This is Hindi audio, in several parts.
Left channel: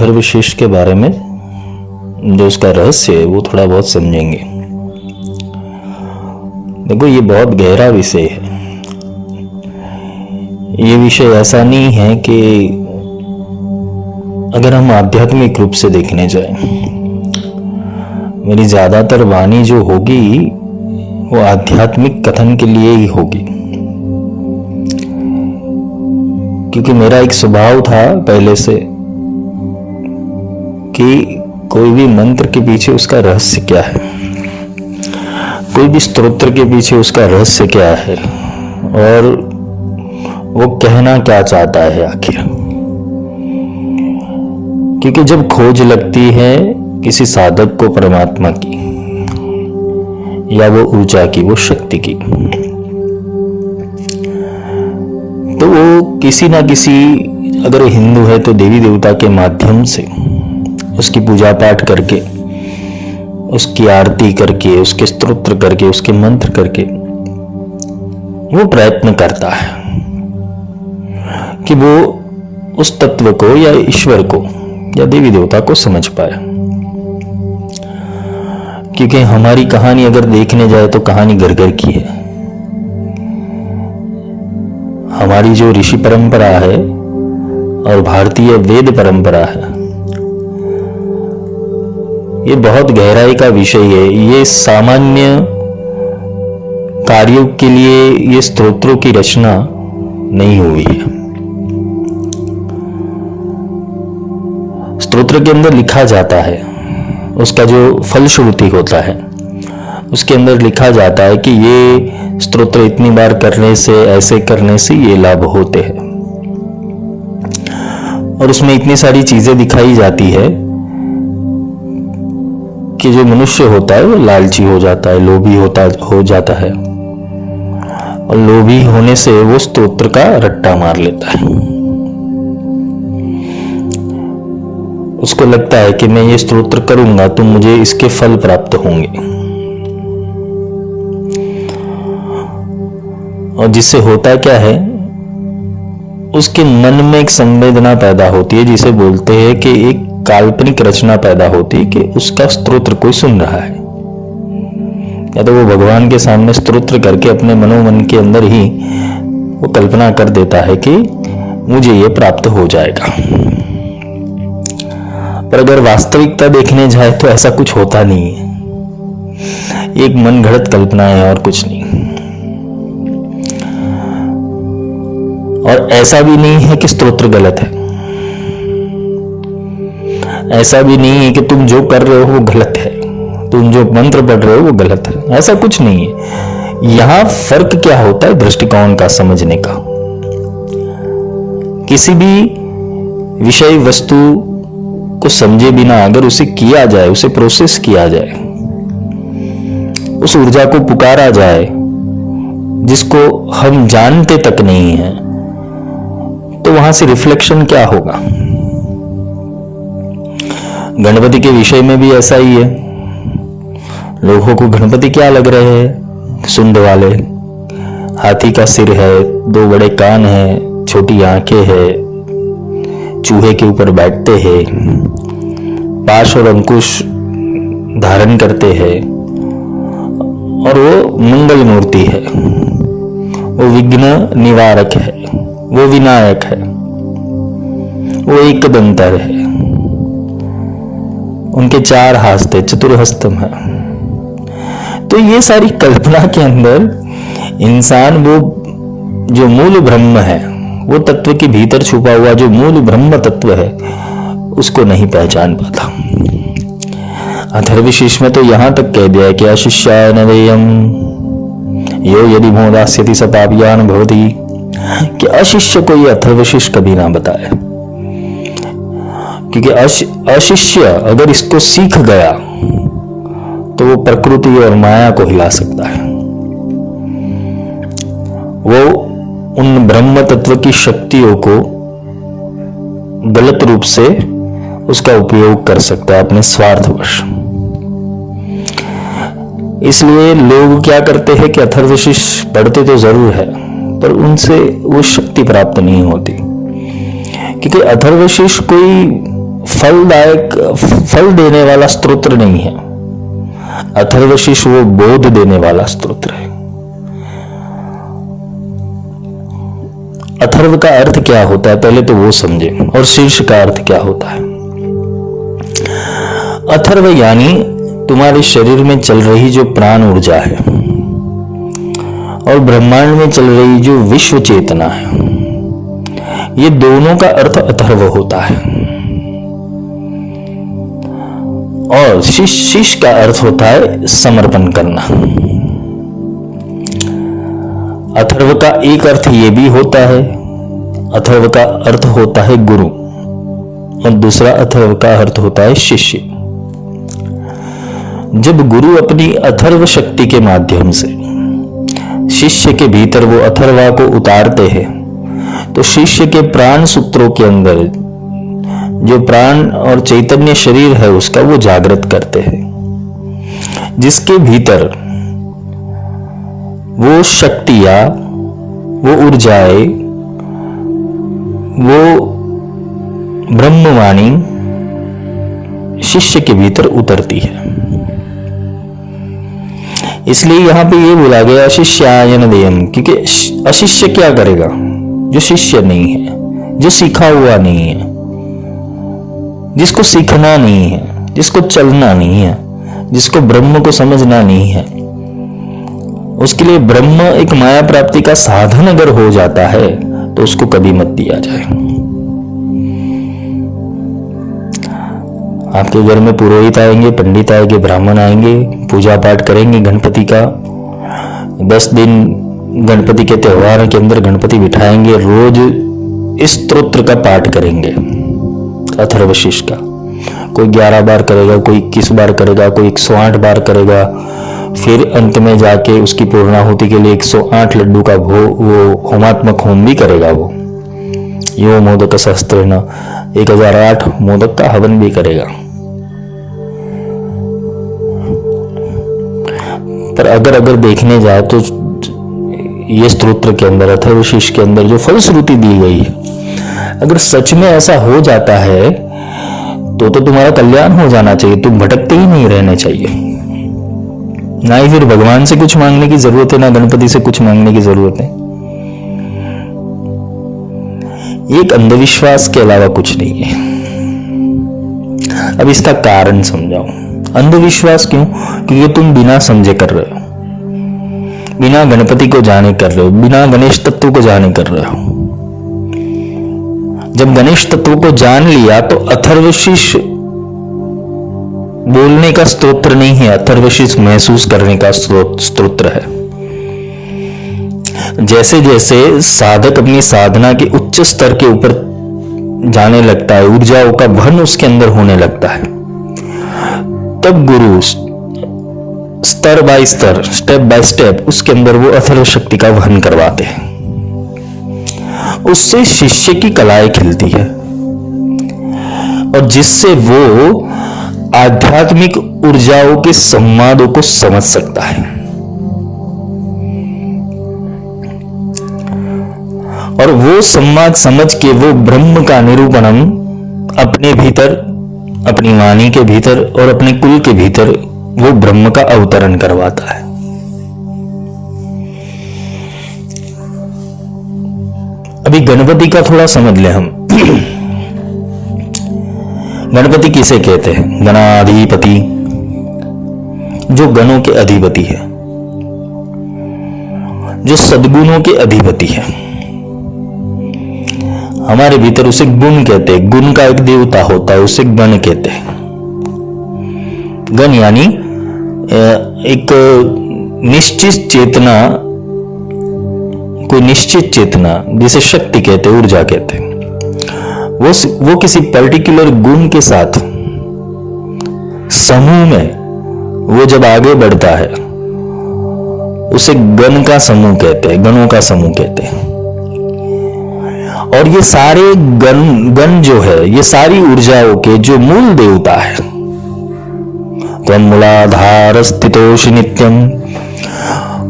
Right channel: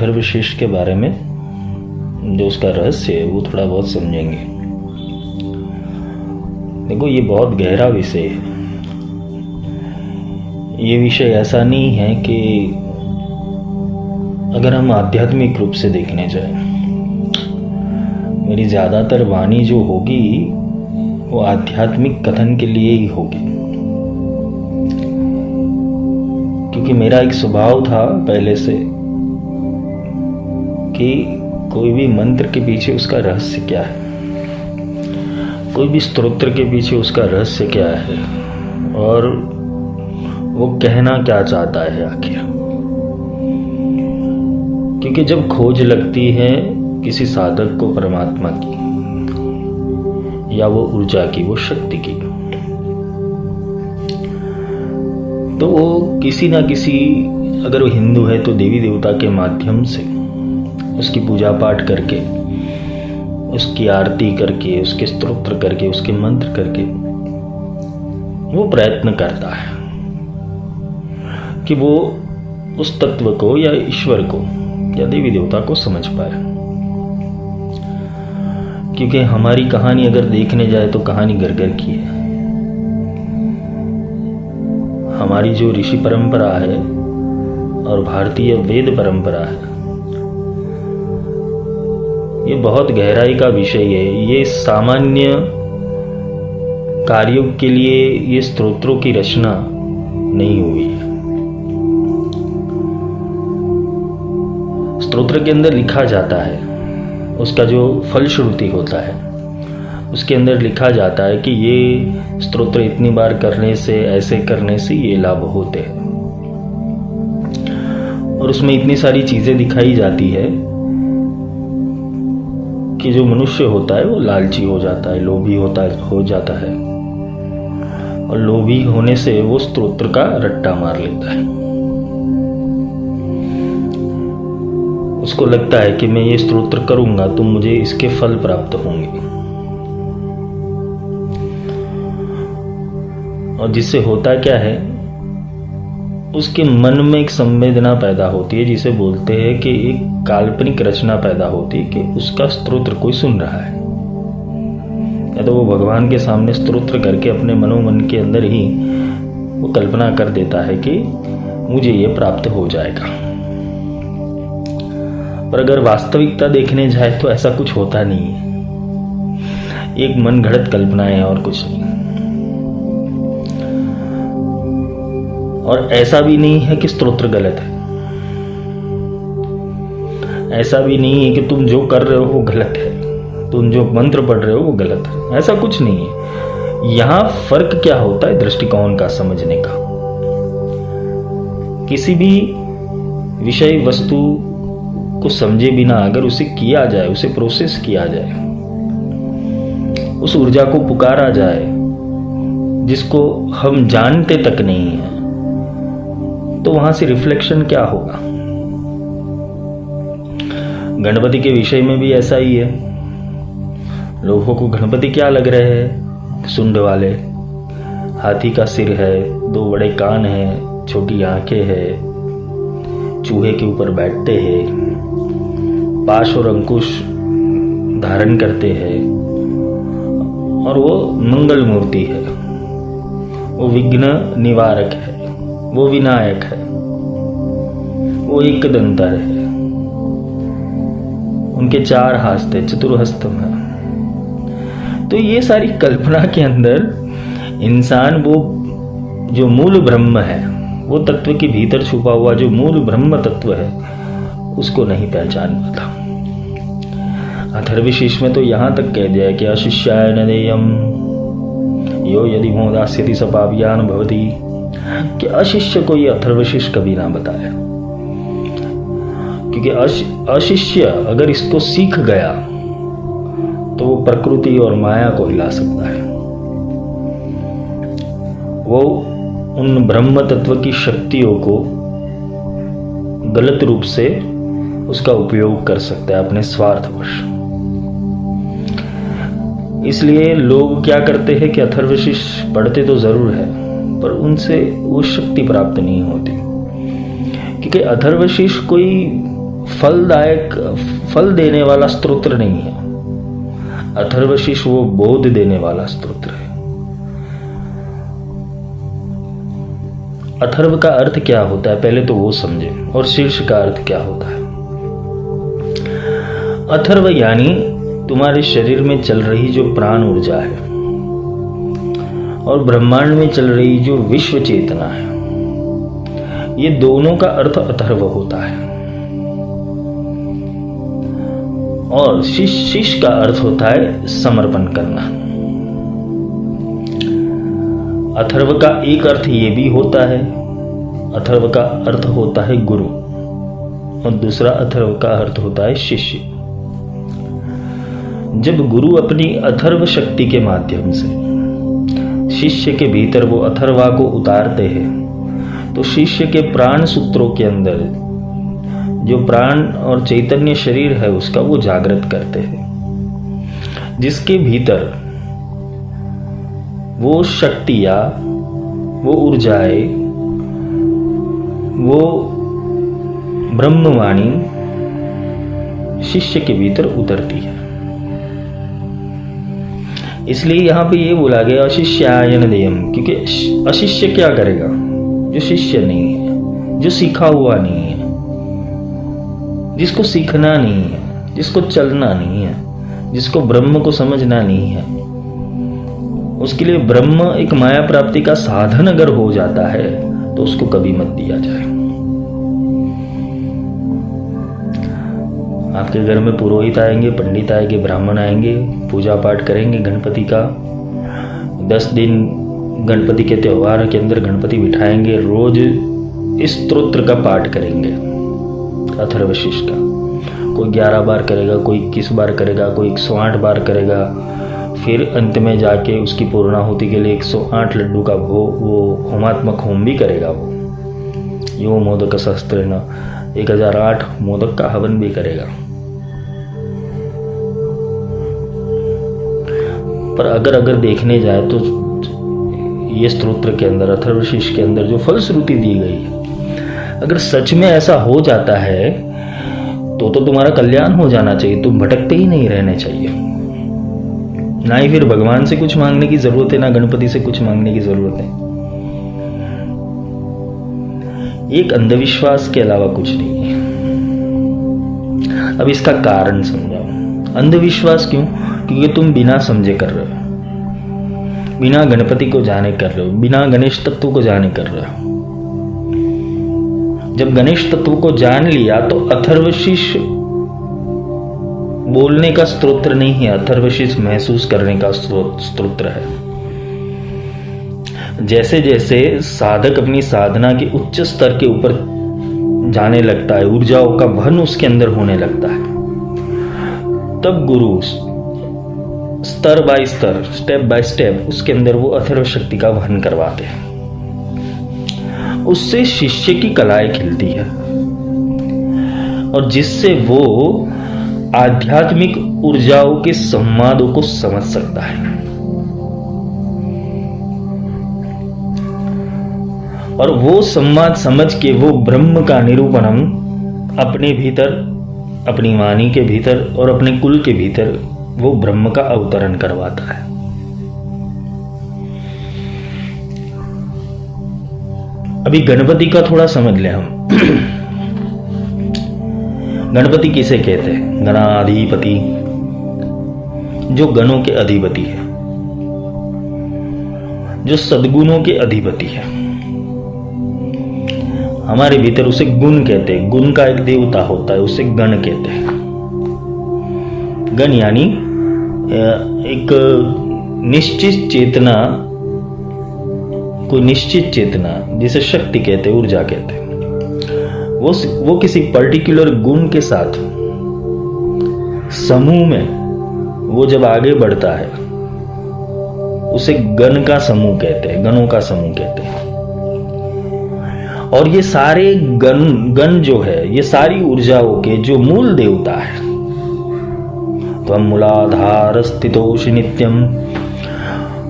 अथर्वशीष के बारे में जो उसका रहस्य है वो थोड़ा बहुत समझेंगे। देखो, ये बहुत गहरा विषय है। ये विषय ऐसा नहीं है कि अगर हम आध्यात्मिक रूप से देखने जाएं, मेरी ज्यादातर वाणी जो होगी वो आध्यात्मिक कथन के लिए ही होगी, क्योंकि मेरा एक स्वभाव था पहले से कि कोई भी मंत्र के पीछे उसका रहस्य क्या है, कोई भी स्तोत्र के पीछे उसका रहस्य क्या है और वो कहना क्या चाहता है आखिर। क्योंकि जब खोज लगती है किसी साधक को परमात्मा की या वो ऊर्जा की, वो शक्ति की, तो वो किसी ना किसी, अगर वो हिंदू है तो देवी देवता के माध्यम से उसकी पूजा पाठ करके, उसकी आरती करके, उसके स्तोत्र करके, उसके मंत्र करके वो प्रयत्न करता है कि वो उस तत्व को या ईश्वर को या देवी देवता को समझ पाए। क्योंकि हमारी कहानी अगर देखने जाए तो कहानी घर घर की है। हमारी जो ऋषि परंपरा है और भारतीय वेद परंपरा है, ये बहुत गहराई का विषय है। ये सामान्य कार्यों के लिए ये स्तोत्रों की रचना नहीं हुई है। स्तोत्र के अंदर लिखा जाता है, उसका जो फलश्रुति होता है उसके अंदर लिखा जाता है कि ये स्तोत्र इतनी बार करने से, ऐसे करने से ये लाभ होते हैं, और उसमें इतनी सारी चीजें दिखाई जाती है कि जो मनुष्य होता है वो लालची हो जाता है, लोभी हो जाता है, और लोभी होने से वो स्तोत्र का रट्टा मार लेता है। उसको लगता है कि मैं ये स्तोत्र करूंगा तो मुझे इसके फल प्राप्त होंगे, और जिससे होता क्या है, उसके मन में एक संवेदना पैदा होती है जिसे बोलते हैं कि एक काल्पनिक रचना पैदा होती है कि उसका स्तोत्र कोई सुन रहा है, या तो वो भगवान के सामने स्तोत्र करके अपने मनोमन के अंदर ही वो कल्पना कर देता है कि मुझे ये प्राप्त हो जाएगा। पर अगर वास्तविकता देखने जाए तो ऐसा कुछ होता नहीं है, एक मन घड़त कल्पना है और कुछ नहीं। और ऐसा भी नहीं है कि स्तोत्र गलत है, ऐसा भी नहीं है कि तुम जो कर रहे हो वो गलत है, तुम जो मंत्र पढ़ रहे हो वो गलत है, ऐसा कुछ नहीं है। यहां फर्क क्या होता है दृष्टिकोण का, समझने का। किसी भी विषय वस्तु को समझे बिना अगर उसे किया जाए, उसे प्रोसेस किया जाए, उस ऊर्जा को पुकारा जाए जिसको हम जानते तक नहीं है, तो वहां से रिफ्लेक्शन क्या होगा। गणपति के विषय में भी ऐसा ही है। लोगों को गणपति क्या लग रहे हैं, सुंड वाले, हाथी का सिर है, 2 बड़े कान है, छोटी आंखें है, चूहे के ऊपर बैठते हैं, पाश और अंकुश धारण करते हैं, और वो मंगल मूर्ति है, वो विघ्न निवारक है, वो विनायक है, वो एकदंतर है, उनके 4 हस्त, चतुर्हस्तम है। तो ये सारी कल्पना के अंदर इंसान वो जो मूल ब्रह्म है, वो तत्व के भीतर छुपा हुआ जो मूल ब्रह्म तत्व है, उसको नहीं पहचान पाता। अथर्वशीष में तो यहां तक कह दिया है कि अशिष्याय नवेयम यो यदि मोदास्यति स पापियान भवति, कि अशिष्य को ये अथर्वशीष कभी ना बताए। क्योंकि अशिष्य अगर इसको सीख गया तो वो प्रकृति और माया को हिला सकता है। वो उन ब्रह्म तत्व की शक्तियों को गलत रूप से उसका उपयोग कर सकता है अपने स्वार्थवश। इसलिए लोग क्या करते हैं कि अथर्वशीष पढ़ते तो जरूर है, पर उनसे वो शक्ति प्राप्त नहीं होती। क्योंकि अथर्वशीष कोई फलदायक, फल देने वाला स्तोत्र नहीं है। अथर्वशीष वो बोध देने वाला स्तोत्र है। अथर्व का अर्थ क्या होता है पहले तो वो समझे, और शीर्ष का अर्थ क्या होता है। अथर्व यानी तुम्हारे शरीर में चल रही जो प्राण ऊर्जा है और ब्रह्मांड में चल रही जो विश्व चेतना है, ये दोनों का अर्थ अथर्व होता है। और शीश का अर्थ होता है समर्पण करना। अथर्व का एक अर्थ ये भी होता है, अथर्व का अर्थ होता है गुरु, और दूसरा अथर्व का अर्थ होता है शिष्य। जब गुरु अपनी अथर्व शक्ति के माध्यम से शिष्य के भीतर वो अथर्वा को उतारते हैं, तो शिष्य के प्राण सूत्रों के अंदर जो प्राण और चैतन्य शरीर है उसका वो जागृत करते हैं, जिसके भीतर वो शक्तियां, वो ऊर्जाएं, वो ब्रह्मवाणी शिष्य के भीतर उतरती है। इसलिए यहां पे ये बोला गया शिष्यायन देयम, क्योंकि अशिष्य क्या करेगा? जो शिष्य नहीं है, जो सीखा हुआ नहीं है, जिसको सीखना नहीं है, जिसको चलना नहीं है, जिसको ब्रह्म को समझना नहीं है, उसके लिए ब्रह्म एक माया प्राप्ति का साधन अगर हो जाता है तो उसको कभी मत दिया जाए। आपके घर में पुरोहित आएंगे, पंडित आएंगे, ब्राह्मण आएंगे, पूजा पाठ करेंगे गणपति का, 10 दिन गणपति के त्योहार के अंदर गणपति बिठाएंगे, रोज इस स्तोत्र का पाठ करेंगे अथर्वशीष का। कोई 11 बार करेगा, कोई 21 बार करेगा, कोई 108 बार करेगा, फिर अंत में जाके उसकी पूर्णाहुति के लिए 108 लड्डू का वो होमात्मक होम भी करेगा। वो यो मोदक सहस्त्रेण 1008 मोदक का हवन भी करेगा। पर अगर देखने जाए तो ये स्तोत्र के अंदर, अथर्वशीष के अंदर जो फलश्रुति दी गई है, अगर सच में ऐसा हो जाता है तो तुम्हारा कल्याण हो जाना चाहिए, तुम भटकते ही नहीं रहने चाहिए। ना ही फिर भगवान से कुछ मांगने की जरूरत है, ना गणपति से कुछ मांगने की जरूरत है। एक अंधविश्वास के अलावा कुछ नहीं है। अब इसका कारण समझाओ। अंधविश्वास क्यों? क्योंकि तुम बिना समझे कर रहे हो, बिना गणपति को जाने कर रहे हो, बिना गणेश तत्व को जाने कर रहे हो। जब गणेश तत्व को जान लिया तो अथर्वशीष बोलने का स्तोत्र नहीं है, अथर्वशीष महसूस करने का स्तोत्र है। जैसे जैसे साधक अपनी साधना के उच्च स्तर के ऊपर जाने लगता है, ऊर्जाओं का वहन उसके अंदर होने लगता है, तब गुरु स्तर बाय स्तर, स्टेप बाय स्टेप उसके अंदर वो अथर्व शक्ति का वहन करवाते हैं। उससे शिष्य की कलाएं खिलती है और जिससे वो आध्यात्मिक ऊर्जाओं के संवादों को समझ सकता है। और वो संवाद समझ के वो ब्रह्म का निरूपणम अपने भीतर, अपनी वाणी के भीतर और अपने कुल के भीतर वो ब्रह्म का अवतरण करवाता है। अभी गणपति का थोड़ा समझ ले हम। गणपति किसे कहते हैं? गणाधिपति, जो गणों के अधिपति है, जो सद्गुणों के अधिपति है। हमारे भीतर उसे गुण कहते हैं। गुण का एक देवता होता है, उसे गण कहते हैं। गण यानी एक निश्चित चेतना, कोई निश्चित चेतना, जिसे शक्ति कहते हैं, ऊर्जा कहते हैं। वो किसी पर्टिकुलर गुण के साथ समूह में वो जब आगे बढ़ता है उसे गण का समूह कहते हैं, गणों का समूह कहते हैं। और ये सारे गण जो है, ये सारी ऊर्जाओं के जो मूल देवता है, त्वं मूलाधार स्थितोष नित्यम,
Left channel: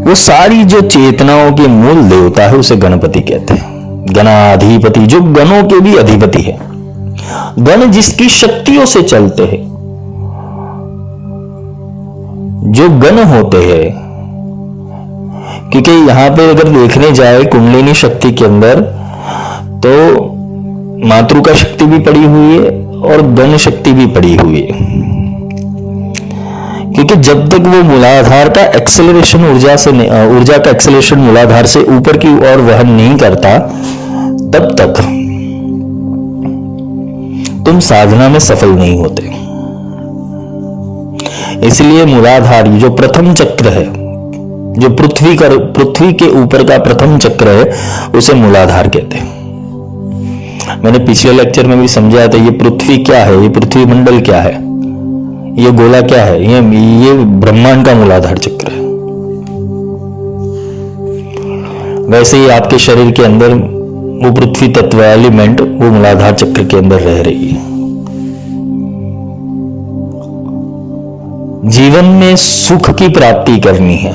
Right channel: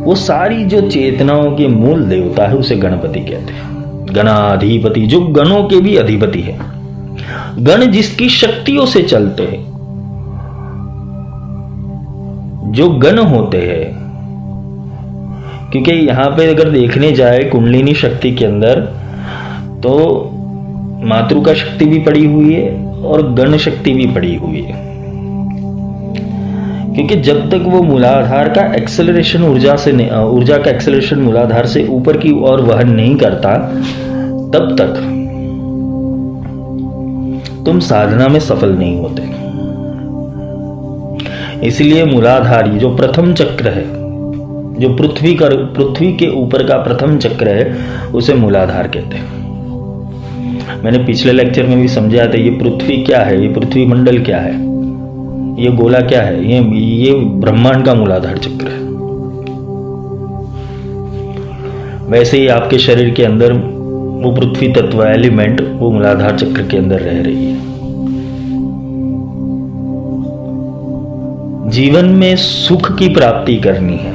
वो सारी जो चेतनाओं के मूल देवता है उसे गणपति कहते हैं। गणाधिपति, जो गणों के भी अधिपति है। गण जिसकी शक्तियों से चलते हैं, जो गण होते हैं, क्योंकि यहां पे अगर देखने जाए कुंडलिनी शक्ति के अंदर तो मातृका शक्ति भी पड़ी हुई है और गण शक्ति भी पड़ी हुई है, क्योंकि जब तक वो मूलाधार का एक्सेलरेशन ऊर्जा का एक्सेलरेशन मूलाधार से ऊपर की ओर वहन नहीं करता, तब तक तुम साधना में सफल नहीं होते। इसलिए मूलाधार जो प्रथम चक्र है, जो पृथ्वी के ऊपर का प्रथम चक्र है, उसे मूलाधार कहते हैं। मैंने पिछले लेक्चर में भी समझाया था, ये पृथ्वी क्या है, ये पृथ्वी मंडल क्या है, ये गोला क्या है, ये ब्रह्मांड का मूलाधार चक्र है। वैसे ही आपके शरीर के अंदर वो पृथ्वी तत्व एलिमेंट वो मूलाधार चक्र के अंदर रह रही है। जीवन में सुख की प्राप्ति करनी है,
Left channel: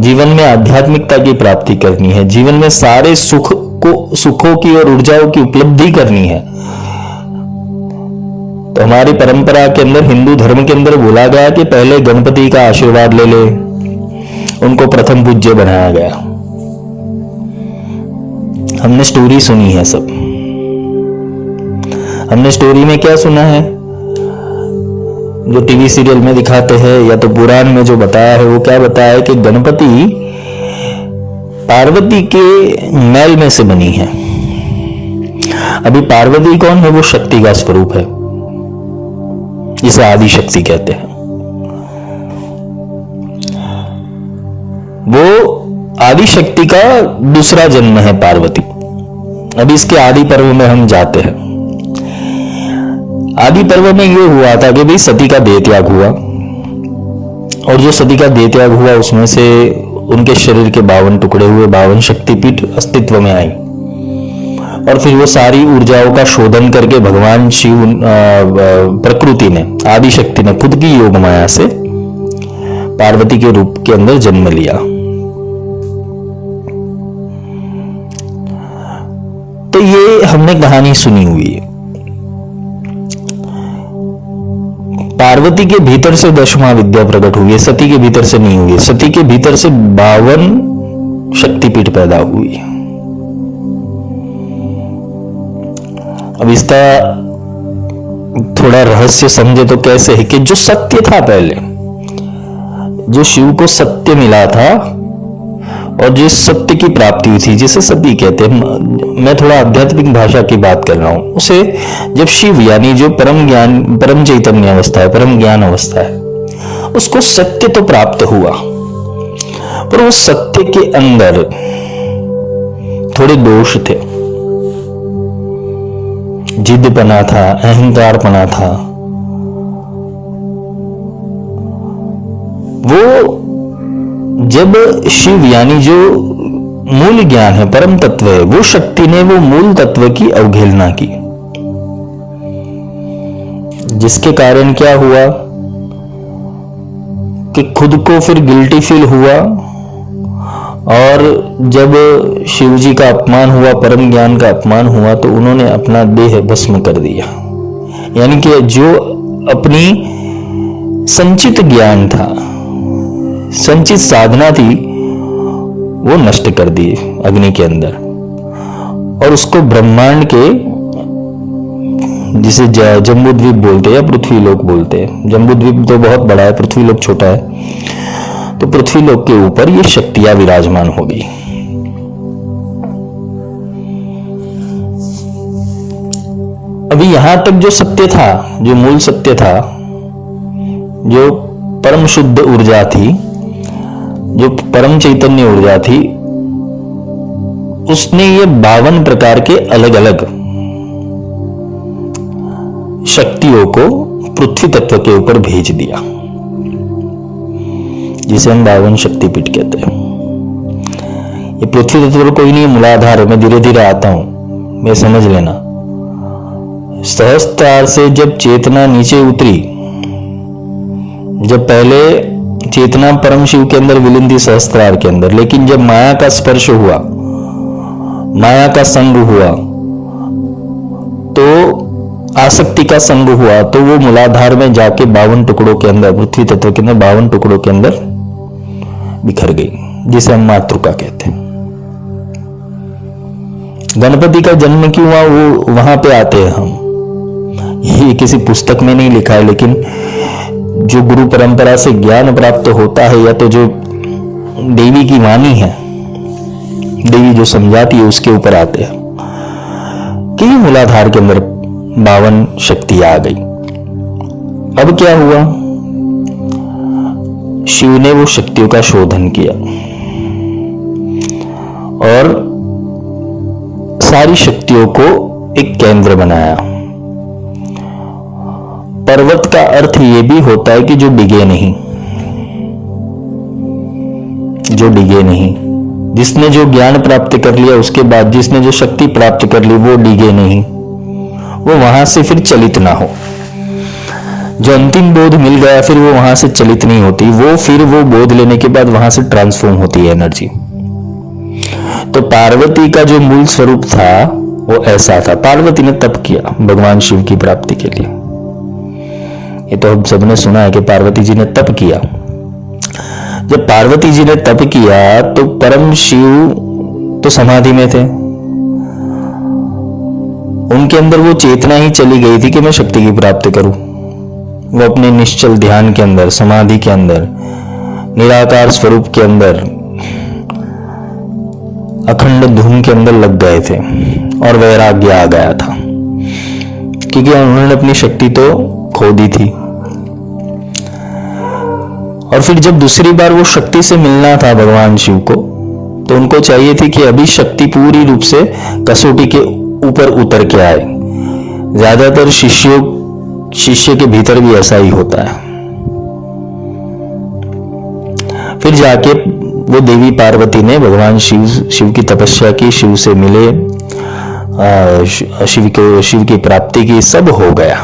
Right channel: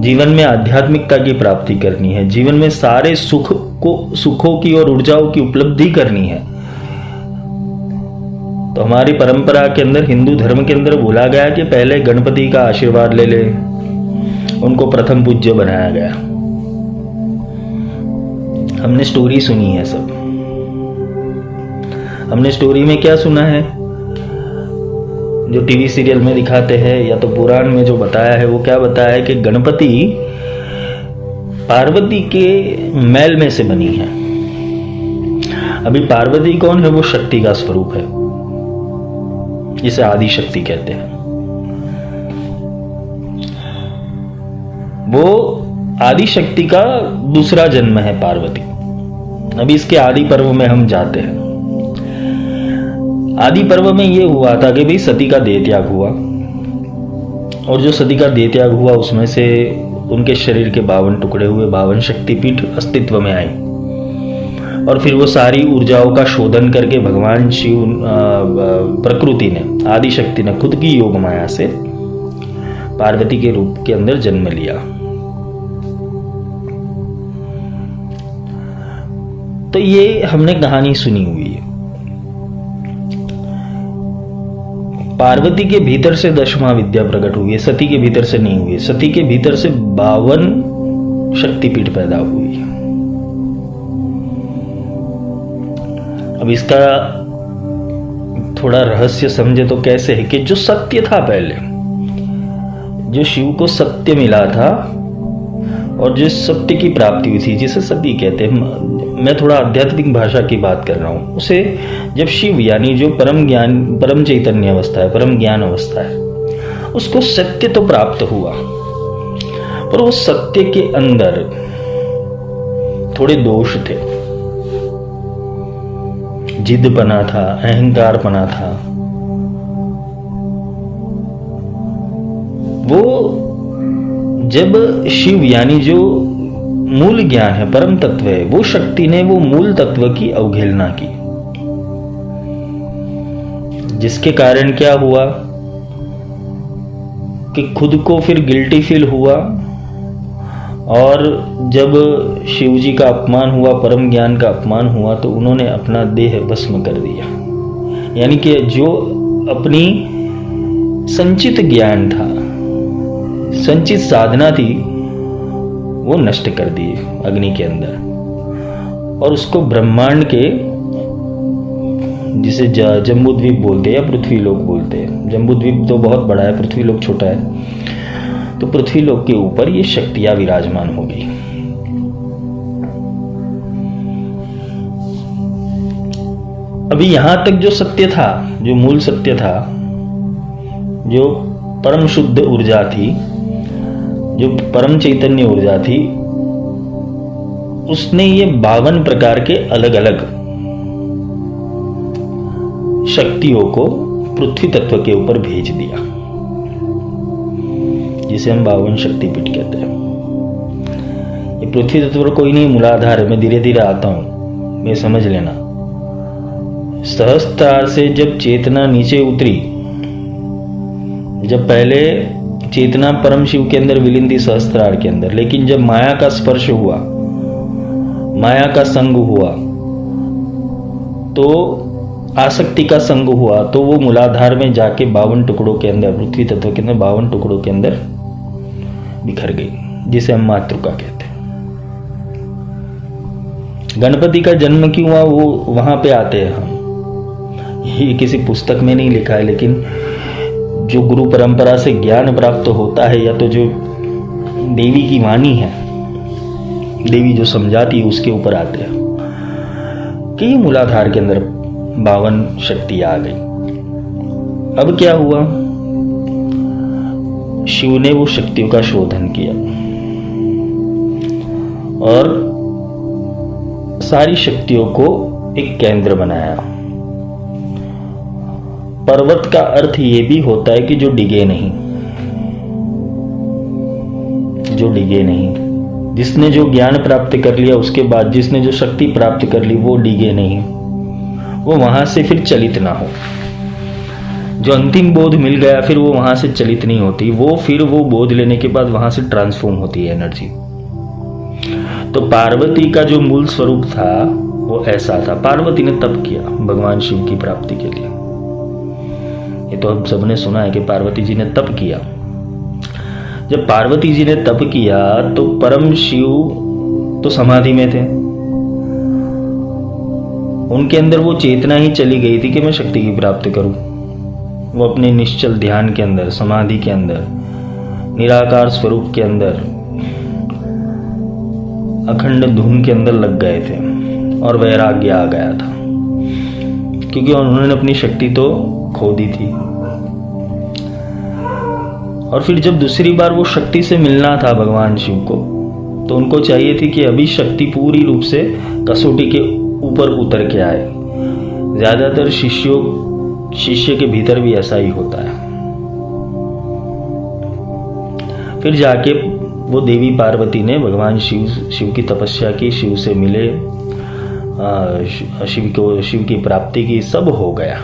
जीवन में आध्यात्मिकता की प्राप्ति करनी है, जीवन में सारे सुखों की और ऊर्जाओं की उपलब्धि करनी है, तो हमारी परंपरा के अंदर, हिंदू धर्म के अंदर बोला गया कि पहले गणपति का आशीर्वाद ले ले, उनको प्रथम पूज्य बनाया गया। हमने स्टोरी सुनी है सब। हमने स्टोरी में क्या सुना है, जो टीवी सीरियल में दिखाते हैं या तो पुराण में जो बताया है, वो क्या बताया है कि गणपति पार्वती के मैल में से बनी है। अभी पार्वती कौन है? वो शक्ति का स्वरूप है, जिसे आदि शक्ति कहते हैं। वो आदि शक्ति का दूसरा जन्म है पार्वती। अभी इसके आदि पर्व में हम जाते हैं। आदि पर्व में यह हुआ था कि भाई सती का देह त्याग हुआ, और जो सती का देह त्याग हुआ उसमें से उनके शरीर के 52 टुकड़े हुए, 52 शक्तिपीठ अस्तित्व में आई, और फिर वो सारी ऊर्जाओं का शोधन करके भगवान शिव, प्रकृति ने, आदि शक्ति ने खुद की योग माया से पार्वती के रूप के अंदर जन्म लिया। तो ये हमने कहानी सुनी हुई है। पार्वती के भीतर से 10वां विद्या प्रकट हुई है, सती के भीतर से नहीं हुई है। सती के भीतर से 52 शक्तिपीठ पैदा हुई है। अब इसका थोड़ा रहस्य समझे तो कैसे है कि जो सत्य था पहले, जो शिव को सत्य मिला था और जिस सत्य की प्राप्ति हुई थी, जिसे सती कहते हैं, मैं थोड़ा आध्यात्मिक भाषा की बात कर रहा हूं, उसे जब शिव यानी जो परम ज्ञान, परम चैतन्य अवस्था है, परम ज्ञान अवस्था है, उसको सत्य तो प्राप्त हुआ, पर उस सत्य के अंदर थोड़े दोष थे। जिद्दपना था, अहंकारपना था। वो जब शिव यानी जो मूल ज्ञान है, परम तत्व है, वो शक्ति ने वो मूल तत्व की अवहेलना की, जिसके कारण क्या हुआ कि खुद को फिर गिल्टी फील हुआ, और जब शिव जी का अपमान हुआ, परम ज्ञान का अपमान हुआ, तो उन्होंने अपना देह भस्म कर दिया। यानी कि जो अपनी संचित ज्ञान था, संचित साधना थी, वो नष्ट कर दी अग्नि के अंदर, और उसको ब्रह्मांड के, जिसे जम्बूद्वीप बोलते हैं या पृथ्वीलोक बोलते हैं, जम्बूद्वीप तो बहुत बड़ा है, पृथ्वीलोक छोटा है, तो पृथ्वीलोक के ऊपर ये शक्तियां विराजमान हो गई। अभी यहां तक जो सत्य था, जो मूल सत्य था, जो परम शुद्ध ऊर्जा थी, जो परम चैतन्य ऊर्जा थी, उसने ये 52 प्रकार के अलग अलग शक्तियों को पृथ्वी तत्व के ऊपर भेज दिया, जिसे हम 52 शक्तिपीठ कहते हैं। ये पृथ्वी तत्व कोई नहीं, मूलाधार है। मैं धीरे धीरे आता हूं, मैं समझ लेना। सहस्त्रार से जब चेतना नीचे उतरी, जब पहले चेतना परम शिव के अंदर विलीन थी सहस्त्रार के अंदर, लेकिन जब माया का स्पर्श हुआ, माया का संग हुआ, तो आसक्ति का संग हुआ तो वो मूलाधार में जाके 52 टुकड़ों के अंदर, पृथ्वी तत्व के अंदर 52 टुकड़ों के अंदर बिखर गई, जिसे हम मातृका कहते हैं। गणपति का जन्म क्यों हुआ वो वहां पे आते हैं हम, ये किसी पुस्तक में नहीं लिखा है, लेकिन जो गुरु परंपरा से ज्ञान प्राप्त होता है या तो जो देवी की वाणी है, देवी जो समझाती है, उसके ऊपर आते हैं कि मूलाधार के अंदर 52 शक्ति आ गई। अब क्या हुआ, शिव ने वो शक्तियों का शोधन किया और सारी शक्तियों को एक केंद्र बनाया। पर्वत का अर्थ ये भी होता है कि जो डिगे नहीं, जो डिगे नहीं, जिसने जो ज्ञान प्राप्त कर लिया उसके बाद जिसने जो शक्ति प्राप्त कर ली वो डिगे नहीं, वो वहां से फिर चलित ना हो। जो अंतिम बोध मिल गया फिर वो वहां से चलित नहीं होती, वो फिर वो बोध लेने के बाद वहां से ट्रांसफॉर्म होती है एनर्जी। तो पार्वती का जो मूल स्वरूप था वो ऐसा था। पार्वती ने तप किया भगवान शिव की प्राप्ति के लिए। ये तो हम सबने सुना है कि पार्वती जी ने तप किया। जब पार्वती जी ने तप किया तो परम शिव तो समाधि में थे, उनके अंदर वो चेतना ही चली गई थी कि मैं शक्ति की प्राप्ति करूं। वो अपने निश्चल ध्यान के अंदर, समाधि के अंदर, निराकार स्वरूप के अंदर, अखंड धुन के अंदर लग गए थे और वैराग्य आ गया था, क्योंकि उन्होंने अपनी शक्ति तो खो दी थी। और फिर जब दूसरी बार वो शक्ति से मिलना था भगवान शिव को, तो उनको चाहिए थी कि अभी शक्ति पूरी रूप से कसौटी के ऊपर उतर के आए। ज्यादातर शिष्य के भीतर भी ऐसा ही होता है। फिर जाके वो देवी पार्वती ने भगवान शिव की तपस्या की, शिव से मिले, शिव की प्राप्ति की, सब हो गया।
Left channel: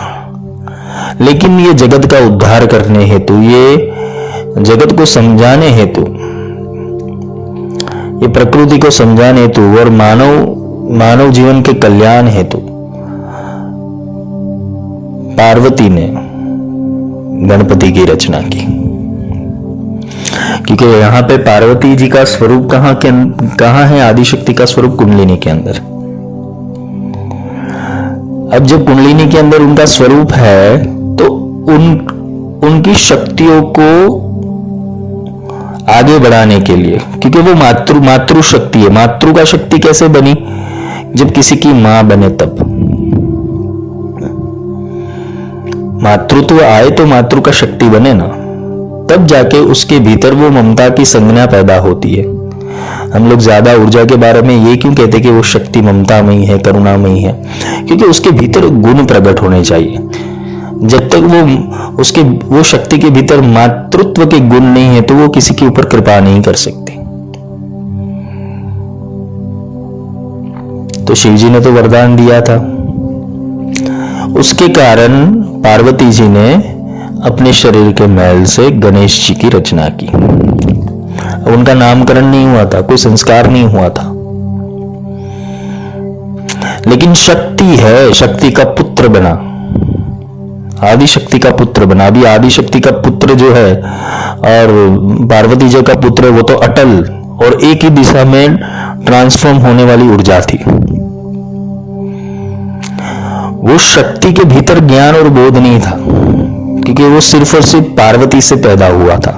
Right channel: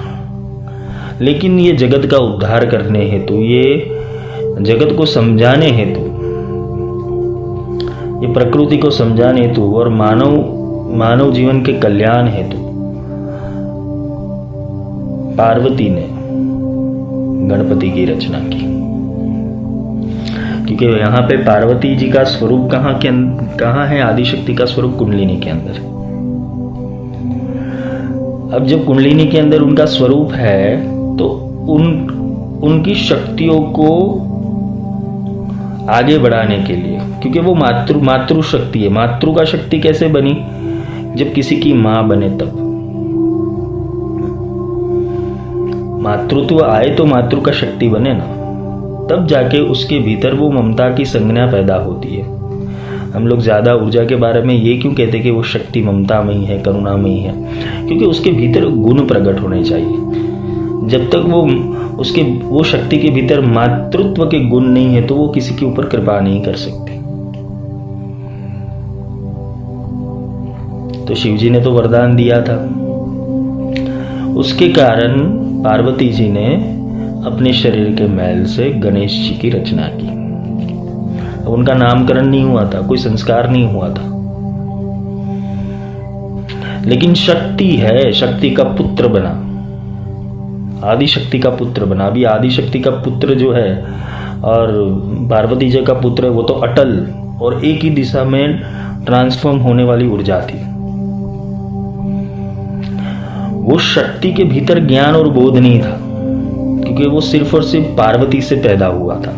लेकिन ये जगत का उद्धार करने हेतु, ये जगत को समझाने हेतु, ये प्रकृति को समझाने हेतु और मानव जीवन के कल्याण हेतु पार्वती ने गणपति की रचना की। क्योंकि यहां पे पार्वती जी का स्वरूप कहां है, आदिशक्ति का स्वरूप कुंडलिनी के अंदर। अब जब कुंडलिनी के अंदर उनका स्वरूप है तो उनकी शक्तियों को आगे बढ़ाने के लिए, क्योंकि वो मातृ शक्ति है। मातृ का शक्ति कैसे बनी, जब किसी की मां बने तब मातृत्व आए तो मातृ का शक्ति बने ना, तब जाके उसके भीतर वो ममता की संज्ञा पैदा होती है। हम लोग ज्यादा ऊर्जा के बारे में ये क्यों कहते कि वो शक्ति ममतामयी है, करुणामयी है, क्योंकि उसके भीतर गुण प्रकट होने चाहिए। जब तक वो शक्ति के भीतर मातृत्व के गुण नहीं है तो वो किसी के ऊपर कृपा नहीं कर सकती। तो शिव जी ने तो वरदान दिया था, उसके कारण पार्वती जी ने अपने शरीर के मैल से गणेश जी की रचना की। उनका नामकरण नहीं हुआ था, कोई संस्कार नहीं हुआ था, लेकिन शक्ति है, शक्ति का पुत्र बना, आदिशक्ति का पुत्र बना। अभी आदिशक्ति का पुत्र जो है और पार्वती जी का पुत्र, वो तो अटल और एक ही दिशा में ट्रांसफॉर्म होने वाली ऊर्जा थी। वो शक्ति के भीतर ज्ञान और बोध नहीं था, क्योंकि वो सिर्फ और सिर्फ पार्वती से पैदा हुआ था।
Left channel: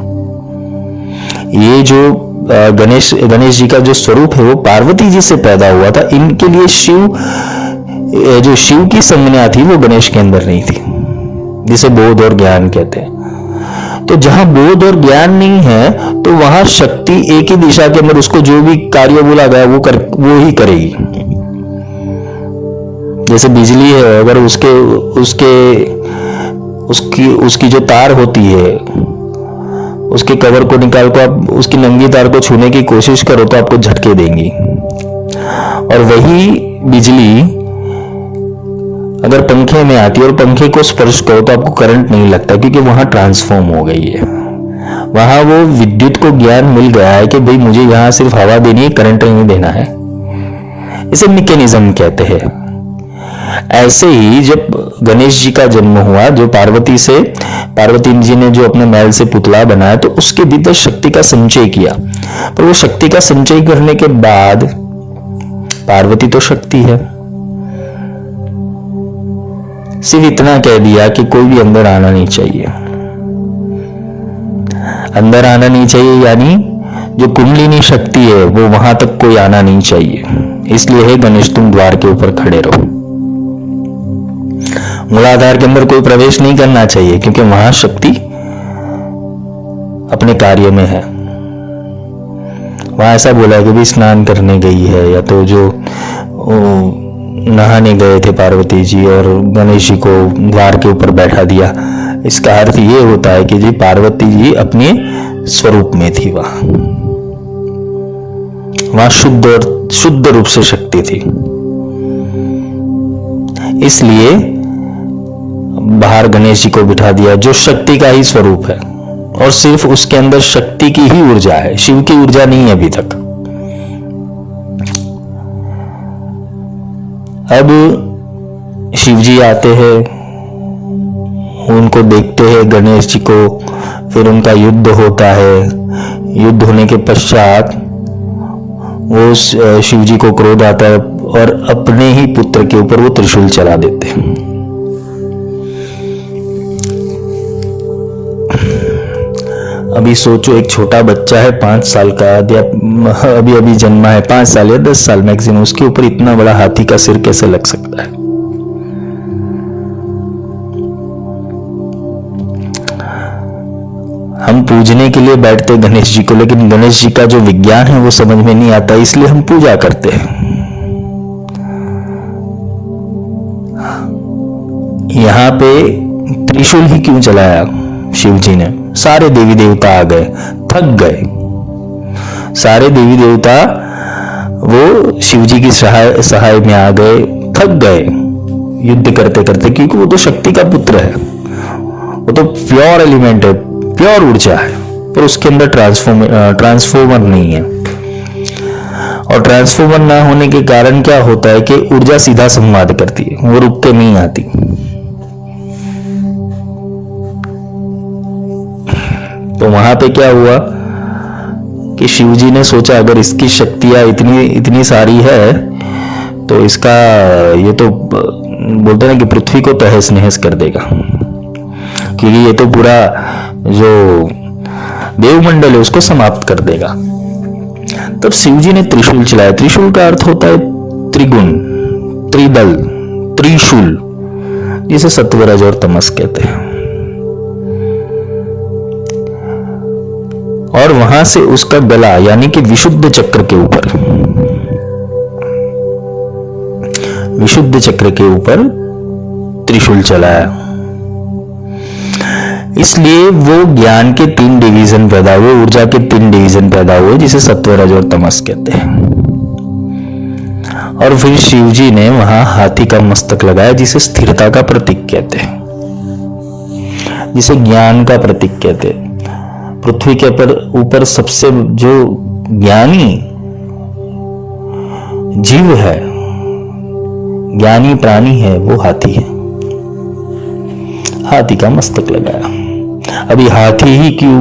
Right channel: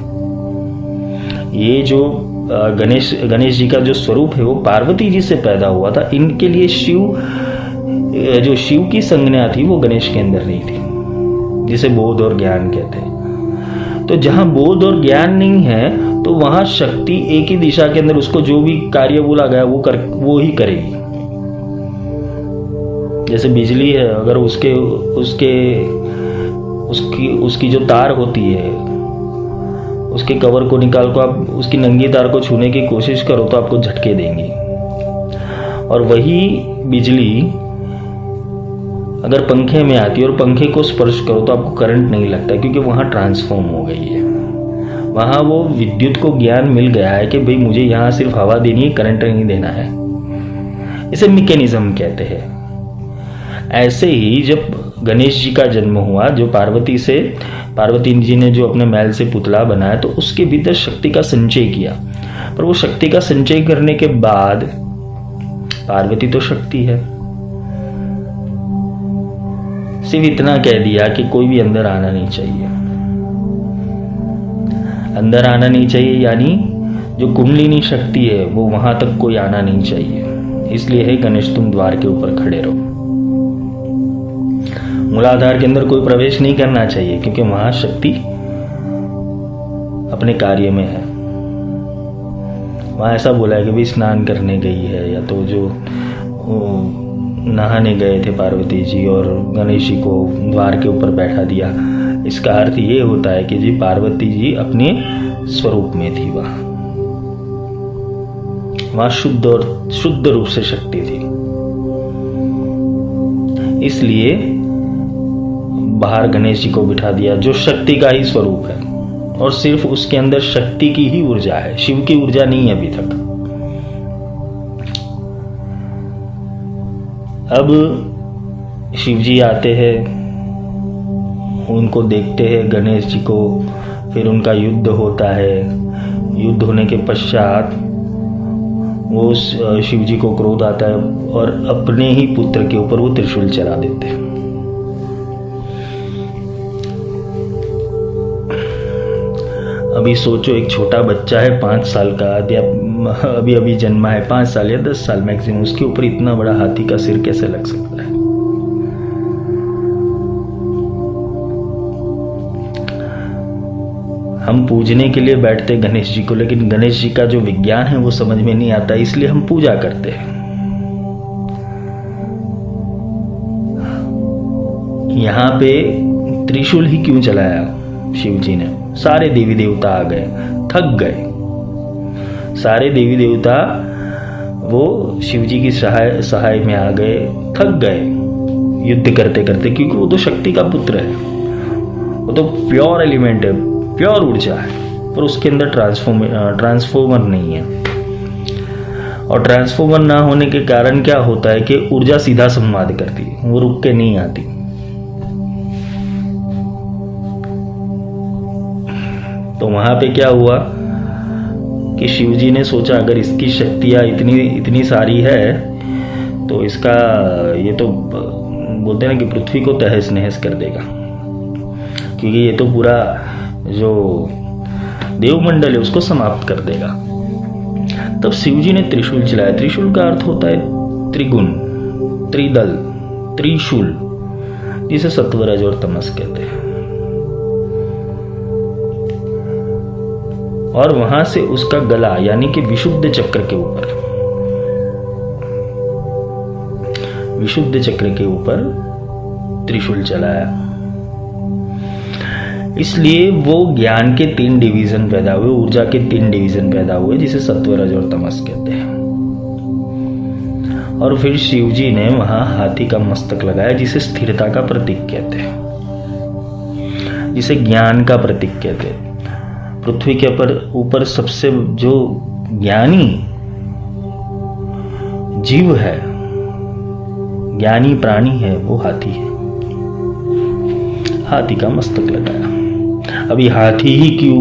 ये जो गणेश जी का जो स्वरूप है वो पार्वती जी से पैदा हुआ था। इनके लिए शिव की संज्ञा थी वो गणेश के अंदर नहीं थी, जिसे बोध और ज्ञान कहते हैं। तो जहां बोध और ज्ञान नहीं है तो वहां शक्ति एक ही दिशा के अंदर, उसको जो भी कार्य बोला गया वो ही करेगी। जैसे बिजली है, अगर उसकी जो तार होती है, उसके कवर को निकाल कर आप उसकी नंगी तार को छूने की कोशिश करो तो आपको झटके देंगी। और वही बिजली अगर पंखे में आती है और पंखे को स्पर्श करो तो आपको करंट नहीं लगता, क्योंकि वहां ट्रांसफॉर्म हो गई है। वहां वो विद्युत को ज्ञान मिल गया है कि भाई मुझे यहां सिर्फ हवा देनी है, करंट नहीं देना है। इसे मैकेनिज्म कहते हैं। ऐसे ही जब गणेश जी का जन्म हुआ, जो पार्वती जी ने जो अपने मैल से पुतला बनाया, तो उसके भीतर शक्ति का संचय किया। पर वो शक्ति का संचय करने के बाद, पार्वती तो शक्ति है, सिर्फ इतना कह दिया कि कोई भी अंदर आना नहीं चाहिए। अंदर आना नहीं चाहिए यानी जो कुंडलिनी शक्ति है वो वहां तक कोई आना नहीं चाहिए। इसलिए है गणेश तुम द्वार के ऊपर खड़े रहो। मूलाधार के अंदर कोई प्रवेश नहीं करना चाहिए, क्योंकि वहां शक्ति अपने कार्य में है। वहां ऐसा बोला कि भी स्नान करने गई है, या तो जो नहाने गए थे पार्वती जी और गणेश जी को द्वार के ऊपर बैठा दिया। इसका अर्थ ये होता है कि जी पार्वती जी अपने स्वरूप में थी, वहां शुद्ध रूप से शक्ति थी। इसलिए बाहर गणेश जी को बिठा दिया, जो शक्ति का ही स्वरूप है, और सिर्फ उसके अंदर शक्ति की ही ऊर्जा है, शिव की ऊर्जा नहीं है अभी तक। अब शिव जी आते हैं, उनको देखते हैं गणेश जी को, फिर उनका युद्ध होता है। युद्ध होने के पश्चात वो शिव जी को क्रोध आता है और अपने ही पुत्र के ऊपर वो त्रिशूल चला देते हैं। अभी सोचो, एक छोटा बच्चा है 5 साल का, या अभी जन्मा है 5 साल या 10 साल मैक्सिमम, उसके ऊपर इतना बड़ा हाथी का सिर कैसे लग सकता है? हम पूजने के लिए बैठते गणेश जी को, लेकिन गणेश जी का जो विज्ञान है वो समझ में नहीं आता, इसलिए हम पूजा करते हैं। यहां पे त्रिशूल ही क्यों चलाया शिव जी ने? सारे देवी देवता आ गए, थक गए। सारे देवी देवता वो शिव जी की सहाय में आ गए, थक गए युद्ध करते करते, क्योंकि वो तो शक्ति का पुत्र है, वो तो प्योर एलिमेंट है, प्योर ऊर्जा है, पर उसके अंदर ट्रांसफॉर्मर नहीं है। और ट्रांसफॉर्मर ना होने के कारण क्या होता है कि ऊर्जा सीधा संवाद करती है, वो रुक के नहीं आती। तो वहां पे क्या हुआ कि शिव जी ने सोचा अगर इसकी शक्तियां इतनी सारी है तो इसका, ये तो बोलते हैं ना कि पृथ्वी को तहस नहस कर देगा, क्योंकि ये तो पूरा जो देवमंडल है उसको समाप्त कर देगा। तब शिव जी ने त्रिशूल चलाया। त्रिशूल का अर्थ होता है त्रिगुण, त्रिदल, त्रिशूल, जिसे सत्वरज और तमस कहते हैं। और वहां से उसका गला यानी कि विशुद्ध चक्र के ऊपर, विशुद्ध चक्र के ऊपर त्रिशूल चलाया। इसलिए वो ज्ञान के 3 डिवीजन पैदा हुए, ऊर्जा के 3 डिवीजन पैदा हुए, जिसे सत्वरज और तमस कहते हैं। और फिर शिव जी ने वहां हाथी का मस्तक लगाया, जिसे स्थिरता का प्रतीक कहते हैं, जिसे ज्ञान का प्रतीक कहते हैं। पृथ्वी के ऊपर सबसे जो ज्ञानी जीव है, ज्ञानी प्राणी है, वो हाथी है। हाथी का मस्तक लगाया। अभी हाथी ही क्यों,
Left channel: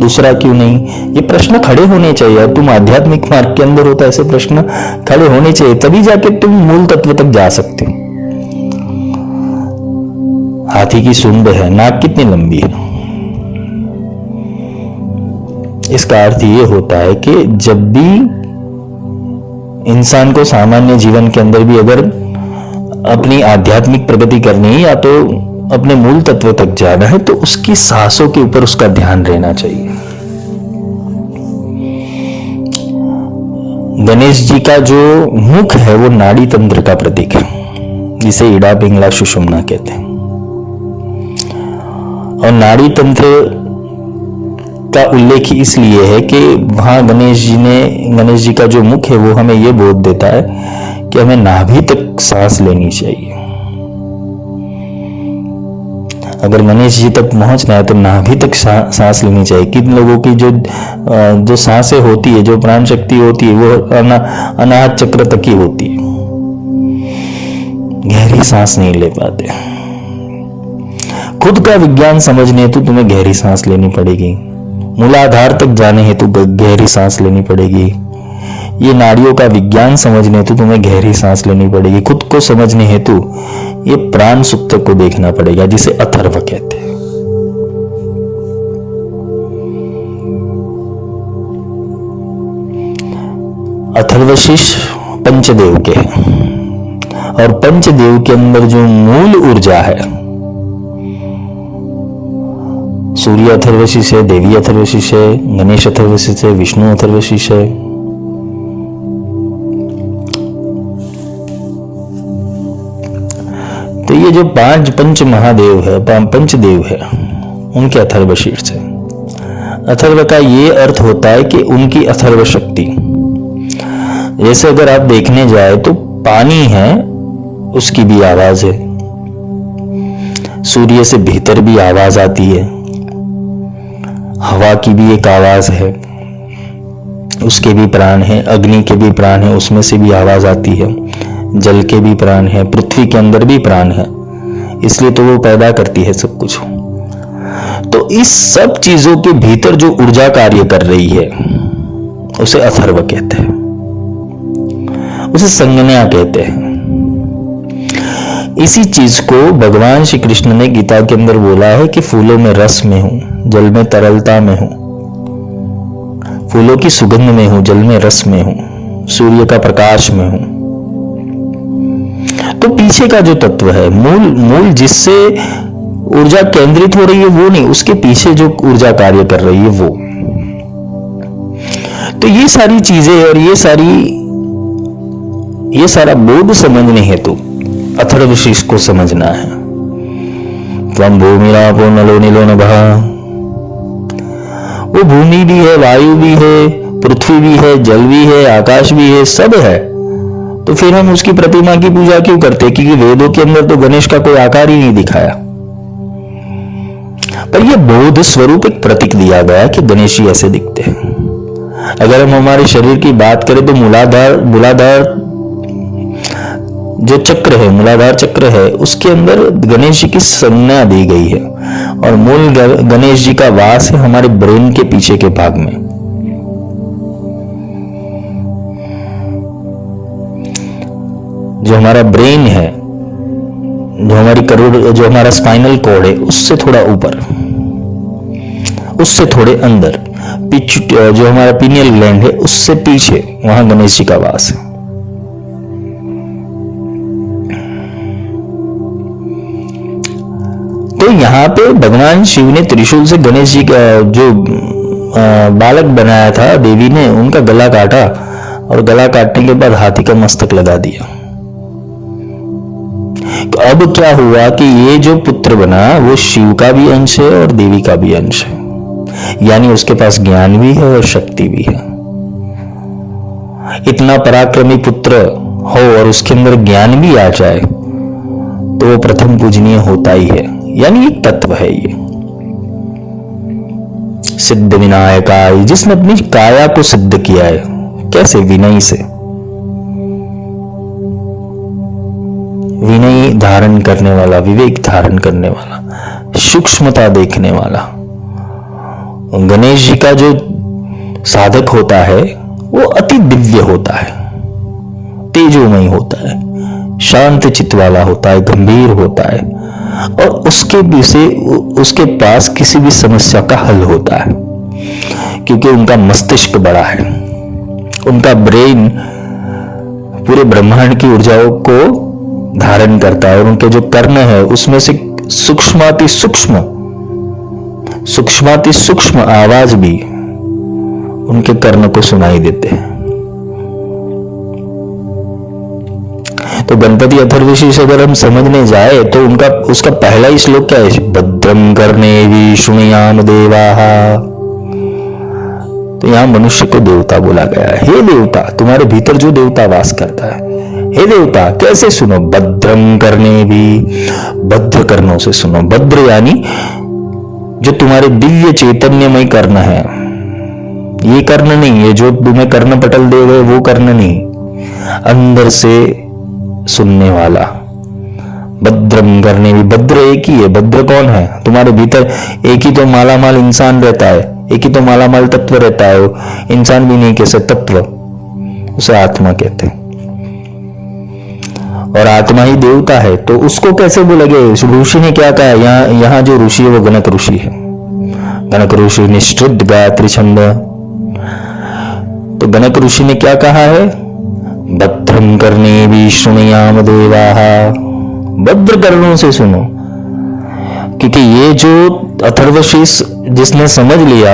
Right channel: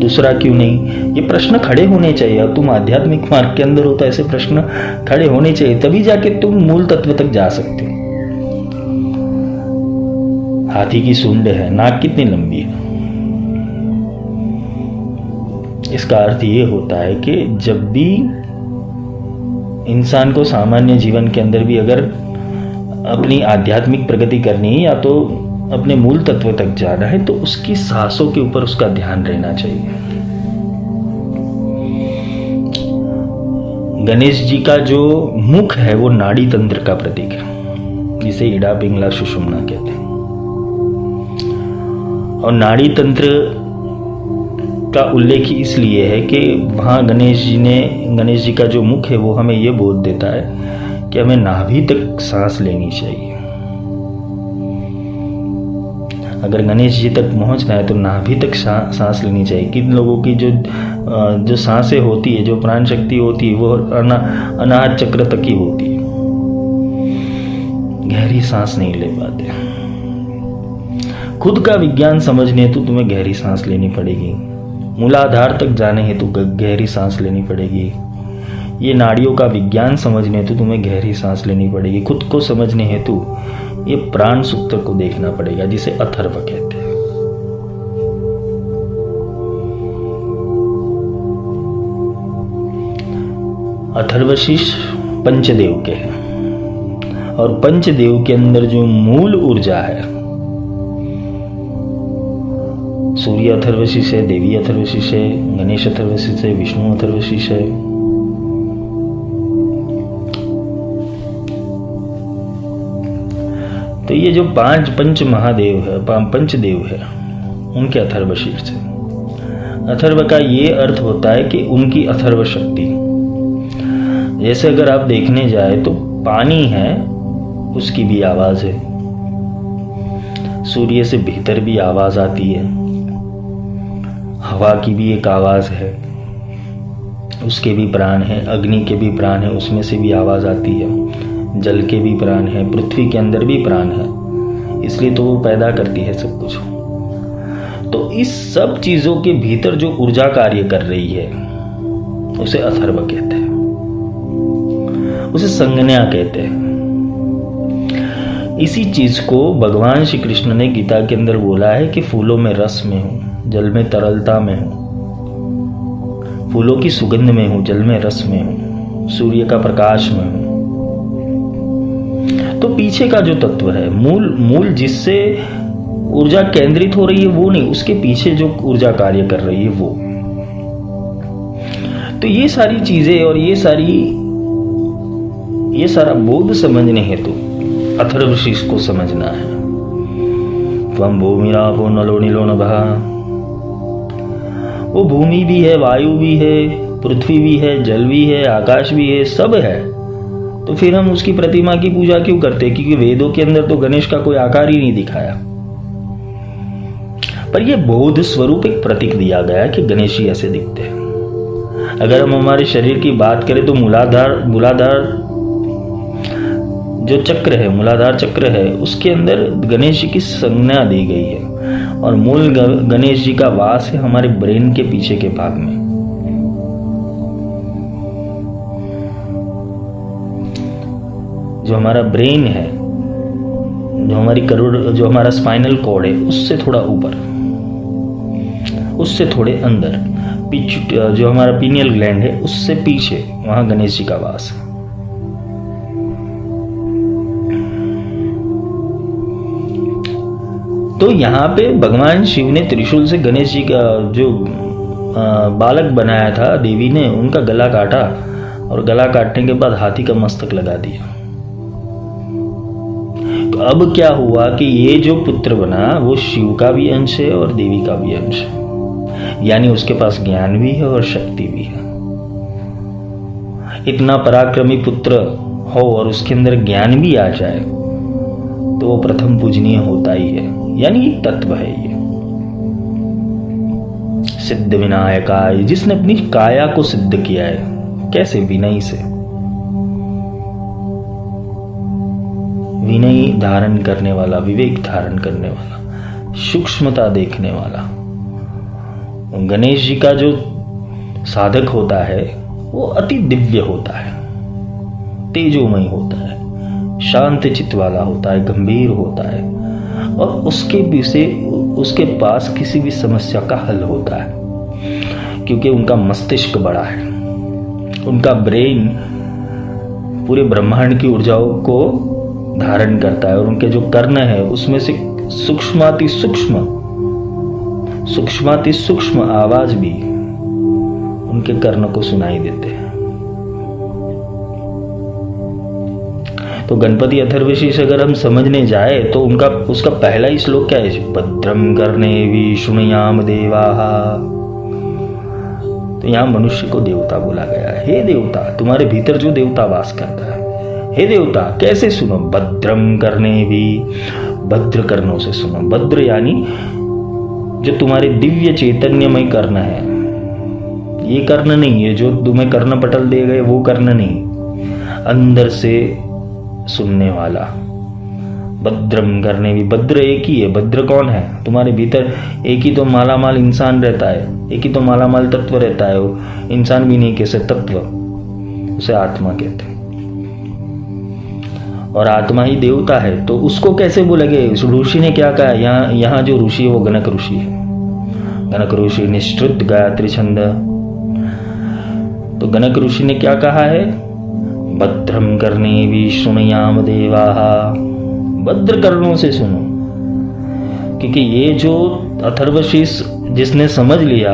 दूसरा क्यों नहीं? ये प्रश्न खड़े होने चाहिए। तुम आध्यात्मिक मार्ग के अंदर हो तो ऐसे प्रश्न खड़े होने चाहिए, तभी जाके तुम मूल तत्व तक जा सकते हो। हाथी की सूंड है, नाक कितनी लंबी है? इसका अर्थ ये होता है कि जब भी इंसान को सामान्य जीवन के अंदर भी अगर अपनी आध्यात्मिक प्रगति करनी है या तो अपने मूल तत्व तक जाना है, तो उसकी सांसों के ऊपर उसका ध्यान रहना चाहिए। गणेश जी का जो मुख है वो नाड़ी तंत्र का प्रतीक है, जिसे इड़ा पिंगला सुषुम्ना कहते हैं। और नाड़ी तंत्र का उल्लेख इसलिए है कि वहां गणेश जी का जो मुख है वो हमें ये बोध देता है कि हमें नाभि तक सांस लेनी चाहिए। अगर गणेश जी तक पहुंचना है तो नाभि तक सांस लेनी चाहिए। किन लोगों की जो सांसें होती है, जो प्राण शक्ति होती है, वो अनाहत चक्र तक ही होती है। गहरी सांस नहीं ले पाते। खुद का विज्ञान समझने हेतु तुम्हें गहरी सांस लेनी पड़ेगी, मूलाधार तक जाने हेतु गहरी सांस लेनी पड़ेगी। ये नाड़ियों का विज्ञान समझने हेतु तुम्हें गहरी सांस लेनी पड़ेगी। खुद को समझने हेतु ये प्राण सुप्त को देखना पड़ेगा, जिसे अथर्व कहते हैं। अथर्वशीष पंचदेव के हैं, और पंचदेव के अंदर जो मूल ऊर्जा है, सूर्य अथर्वशीष है, देवी अथर्वशीष है, गणेश अथर्वशीष है, विष्णु अथर्वशीष है। तो ये जो पंच महादेव है, पंचदेव है, उनके अथर्वशीष है। अथर्व का ये अर्थ होता है कि उनकी अथर्व शक्ति। जैसे अगर आप देखने जाए तो पानी है, उसकी भी आवाज है, सूर्य से भीतर भी आवाज आती है, हवा की भी एक आवाज है, उसके भी प्राण है, अग्नि के भी प्राण है, उसमें से भी आवाज आती है, जल के भी प्राण है, पृथ्वी के अंदर भी प्राण है, इसलिए तो वो पैदा करती है सब कुछ। तो इस सब चीजों के भीतर जो ऊर्जा कार्य कर रही है उसे अथर्व कहते हैं, उसे संज्ञा कहते हैं। इसी चीज को भगवान श्री कृष्ण ने गीता के अंदर बोला है कि फूलों में रस में हूं, जल में तरलता में हूं, फूलों की सुगंध में हूं, जल में रस में हूं, सूर्य का प्रकाश में हूं। तो पीछे का जो तत्व है, मूल जिससे ऊर्जा केंद्रित हो रही है वो नहीं, उसके पीछे जो ऊर्जा कार्य कर रही है वो। तो ये सारी चीजें और ये सारा बोध समझने हेतु अथर्वशीष को समझना है। त्वं भूमिरापो नलो नीलो नभः, वो भूमि भी है, वायु भी है, पृथ्वी भी है, जल भी है, आकाश भी है, सब है। तो फिर हम उसकी प्रतिमा की पूजा क्यों करते? क्योंकि वेदों के अंदर तो गणेश का कोई आकार ही नहीं दिखाया, पर यह बोध स्वरूप एक प्रतीक दिया गया कि गणेश जी ऐसे दिखते हैं। अगर हम हमारे शरीर की बात करें तो मूलाधार जो चक्र है, मूलाधार चक्र है, उसके अंदर गणेश जी की संज्ञा दी गई है, और मूल गणेश जी का वास है हमारे ब्रेन के पीछे के भाग में। जो हमारा ब्रेन है, जो हमारा स्पाइनल कॉर्ड है, उससे थोड़ा ऊपर, उससे थोड़े अंदर, जो हमारा पीनियल ग्लैंड है, उससे पीछे, वहां गणेश जी का वास है। तो यहाँ पे भगवान शिव ने त्रिशूल से गणेश जी का जो बालक बनाया था, देवी ने उनका गला काटा, और गला काटने के बाद हाथी का मस्तक लगा दिया। तो अब क्या हुआ कि ये जो पुत्र बना वो शिव का भी अंश है और देवी का भी अंश है, यानी उसके पास ज्ञान भी है और शक्ति भी है। इतना पराक्रमी पुत्र हो और उसके अंदर ज्ञान भी आ जाए तो वो प्रथम पूजनीय होता ही है, यानी एक तत्व है ये सिद्ध विनायकाय, जिसने अपनी काया को सिद्ध किया है। कैसे? विनय से। विनय धारण करने वाला, विवेक धारण करने वाला, सूक्ष्मता देखने वाला। गणेश जी का जो साधक होता है वो अति दिव्य होता है, तेजोमय होता है, शांत चित्त वाला होता है, गंभीर होता है, और उसके पास किसी भी समस्या का हल होता है, क्योंकि उनका मस्तिष्क बड़ा है, उनका ब्रेन पूरे ब्रह्मांड की ऊर्जाओं को धारण करता है, और उनके जो कर्ण है उसमें से सूक्ष्माति सूक्ष्म आवाज भी उनके कर्ण को सुनाई देते हैं। तो गणपति अथर्वशीष अगर हम समझने जाए तो उसका पहला ही श्लोक क्या है? भद्रं कर्णेभिः शृणुयाम देवाः। तो यहां मनुष्य को देवता बोला गया है। हे देवता, तुम्हारे भीतर जो देवता वास करता है, हे देवता कैसे सुनो? भद्रं कर्णेभिः, भद्र कर्णों से सुनो। भद्र यानी जो तुम्हारे दिव्य चैतन्यमय कर्ण है, ये कर्ण नहीं है जो तुम्हें कर्ण पटल दे गए, वो कर्ण नहीं, अंदर से सुनने वाला, भद्रम करने भी, भद्र एक ही है। भद्र कौन है? तुम्हारे भीतर एक ही तो मालामाल इंसान रहता है, एक ही तो मालामाल तत्व रहता है। वो इंसान भी नहीं कह सकते, तत्व, उसे आत्मा कहते हैं। और आत्मा ही देवता है, तो उसको कैसे बोलेंगे? ऋषि ने क्या कहा? यहाँ जो ऋषि है वो गणक ऋषि है। गणक ऋषि निश्चित गायत्री छंद। तो गणक ऋषि ने क्या कहा है? भद्रम करने भी शृणुयाम देवाः, भद्र कर्णों से सुनो। क्योंकि ये जो अथर्वशीष जिसने समझ लिया,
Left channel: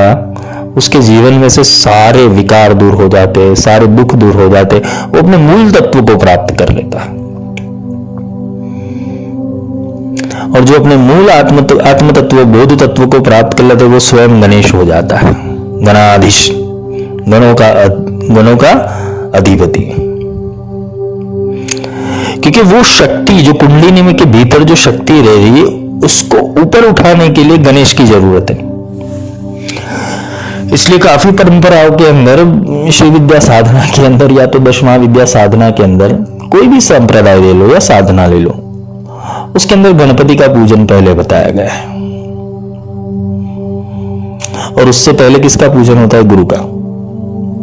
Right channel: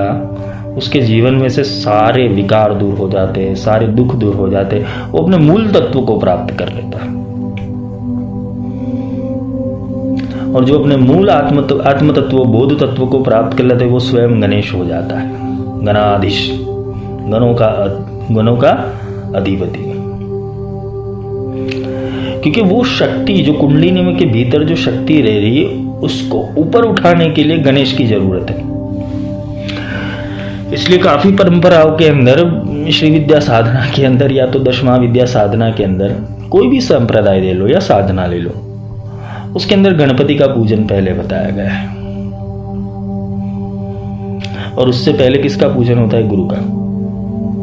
उसके जीवन में से सारे विकार दूर हो जाते, सारे दुख दूर हो जाते, वो अपने मूल तत्व को प्राप्त कर लेता है। और जो अपने मूल आत्म तत्व, बोध तत्व को प्राप्त कर लेते, वो स्वयं गणेश हो जाता है, गणाधीश, गणों का अधिपति। क्योंकि वो शक्ति जो कुंडलिनी में के भीतर जो शक्ति रह रही है, उसको ऊपर उठाने के लिए गणेश की जरूरत है। इसलिए काफी परंपराओं के अंदर, श्री विद्या साधना के अंदर या तो दशमा विद्या साधना के अंदर, कोई भी संप्रदाय ले लो या साधना ले लो, उसके अंदर गणपति का पूजन पहले बताया गया है। और उससे पहले किसका पूजन होता है? गुरु का।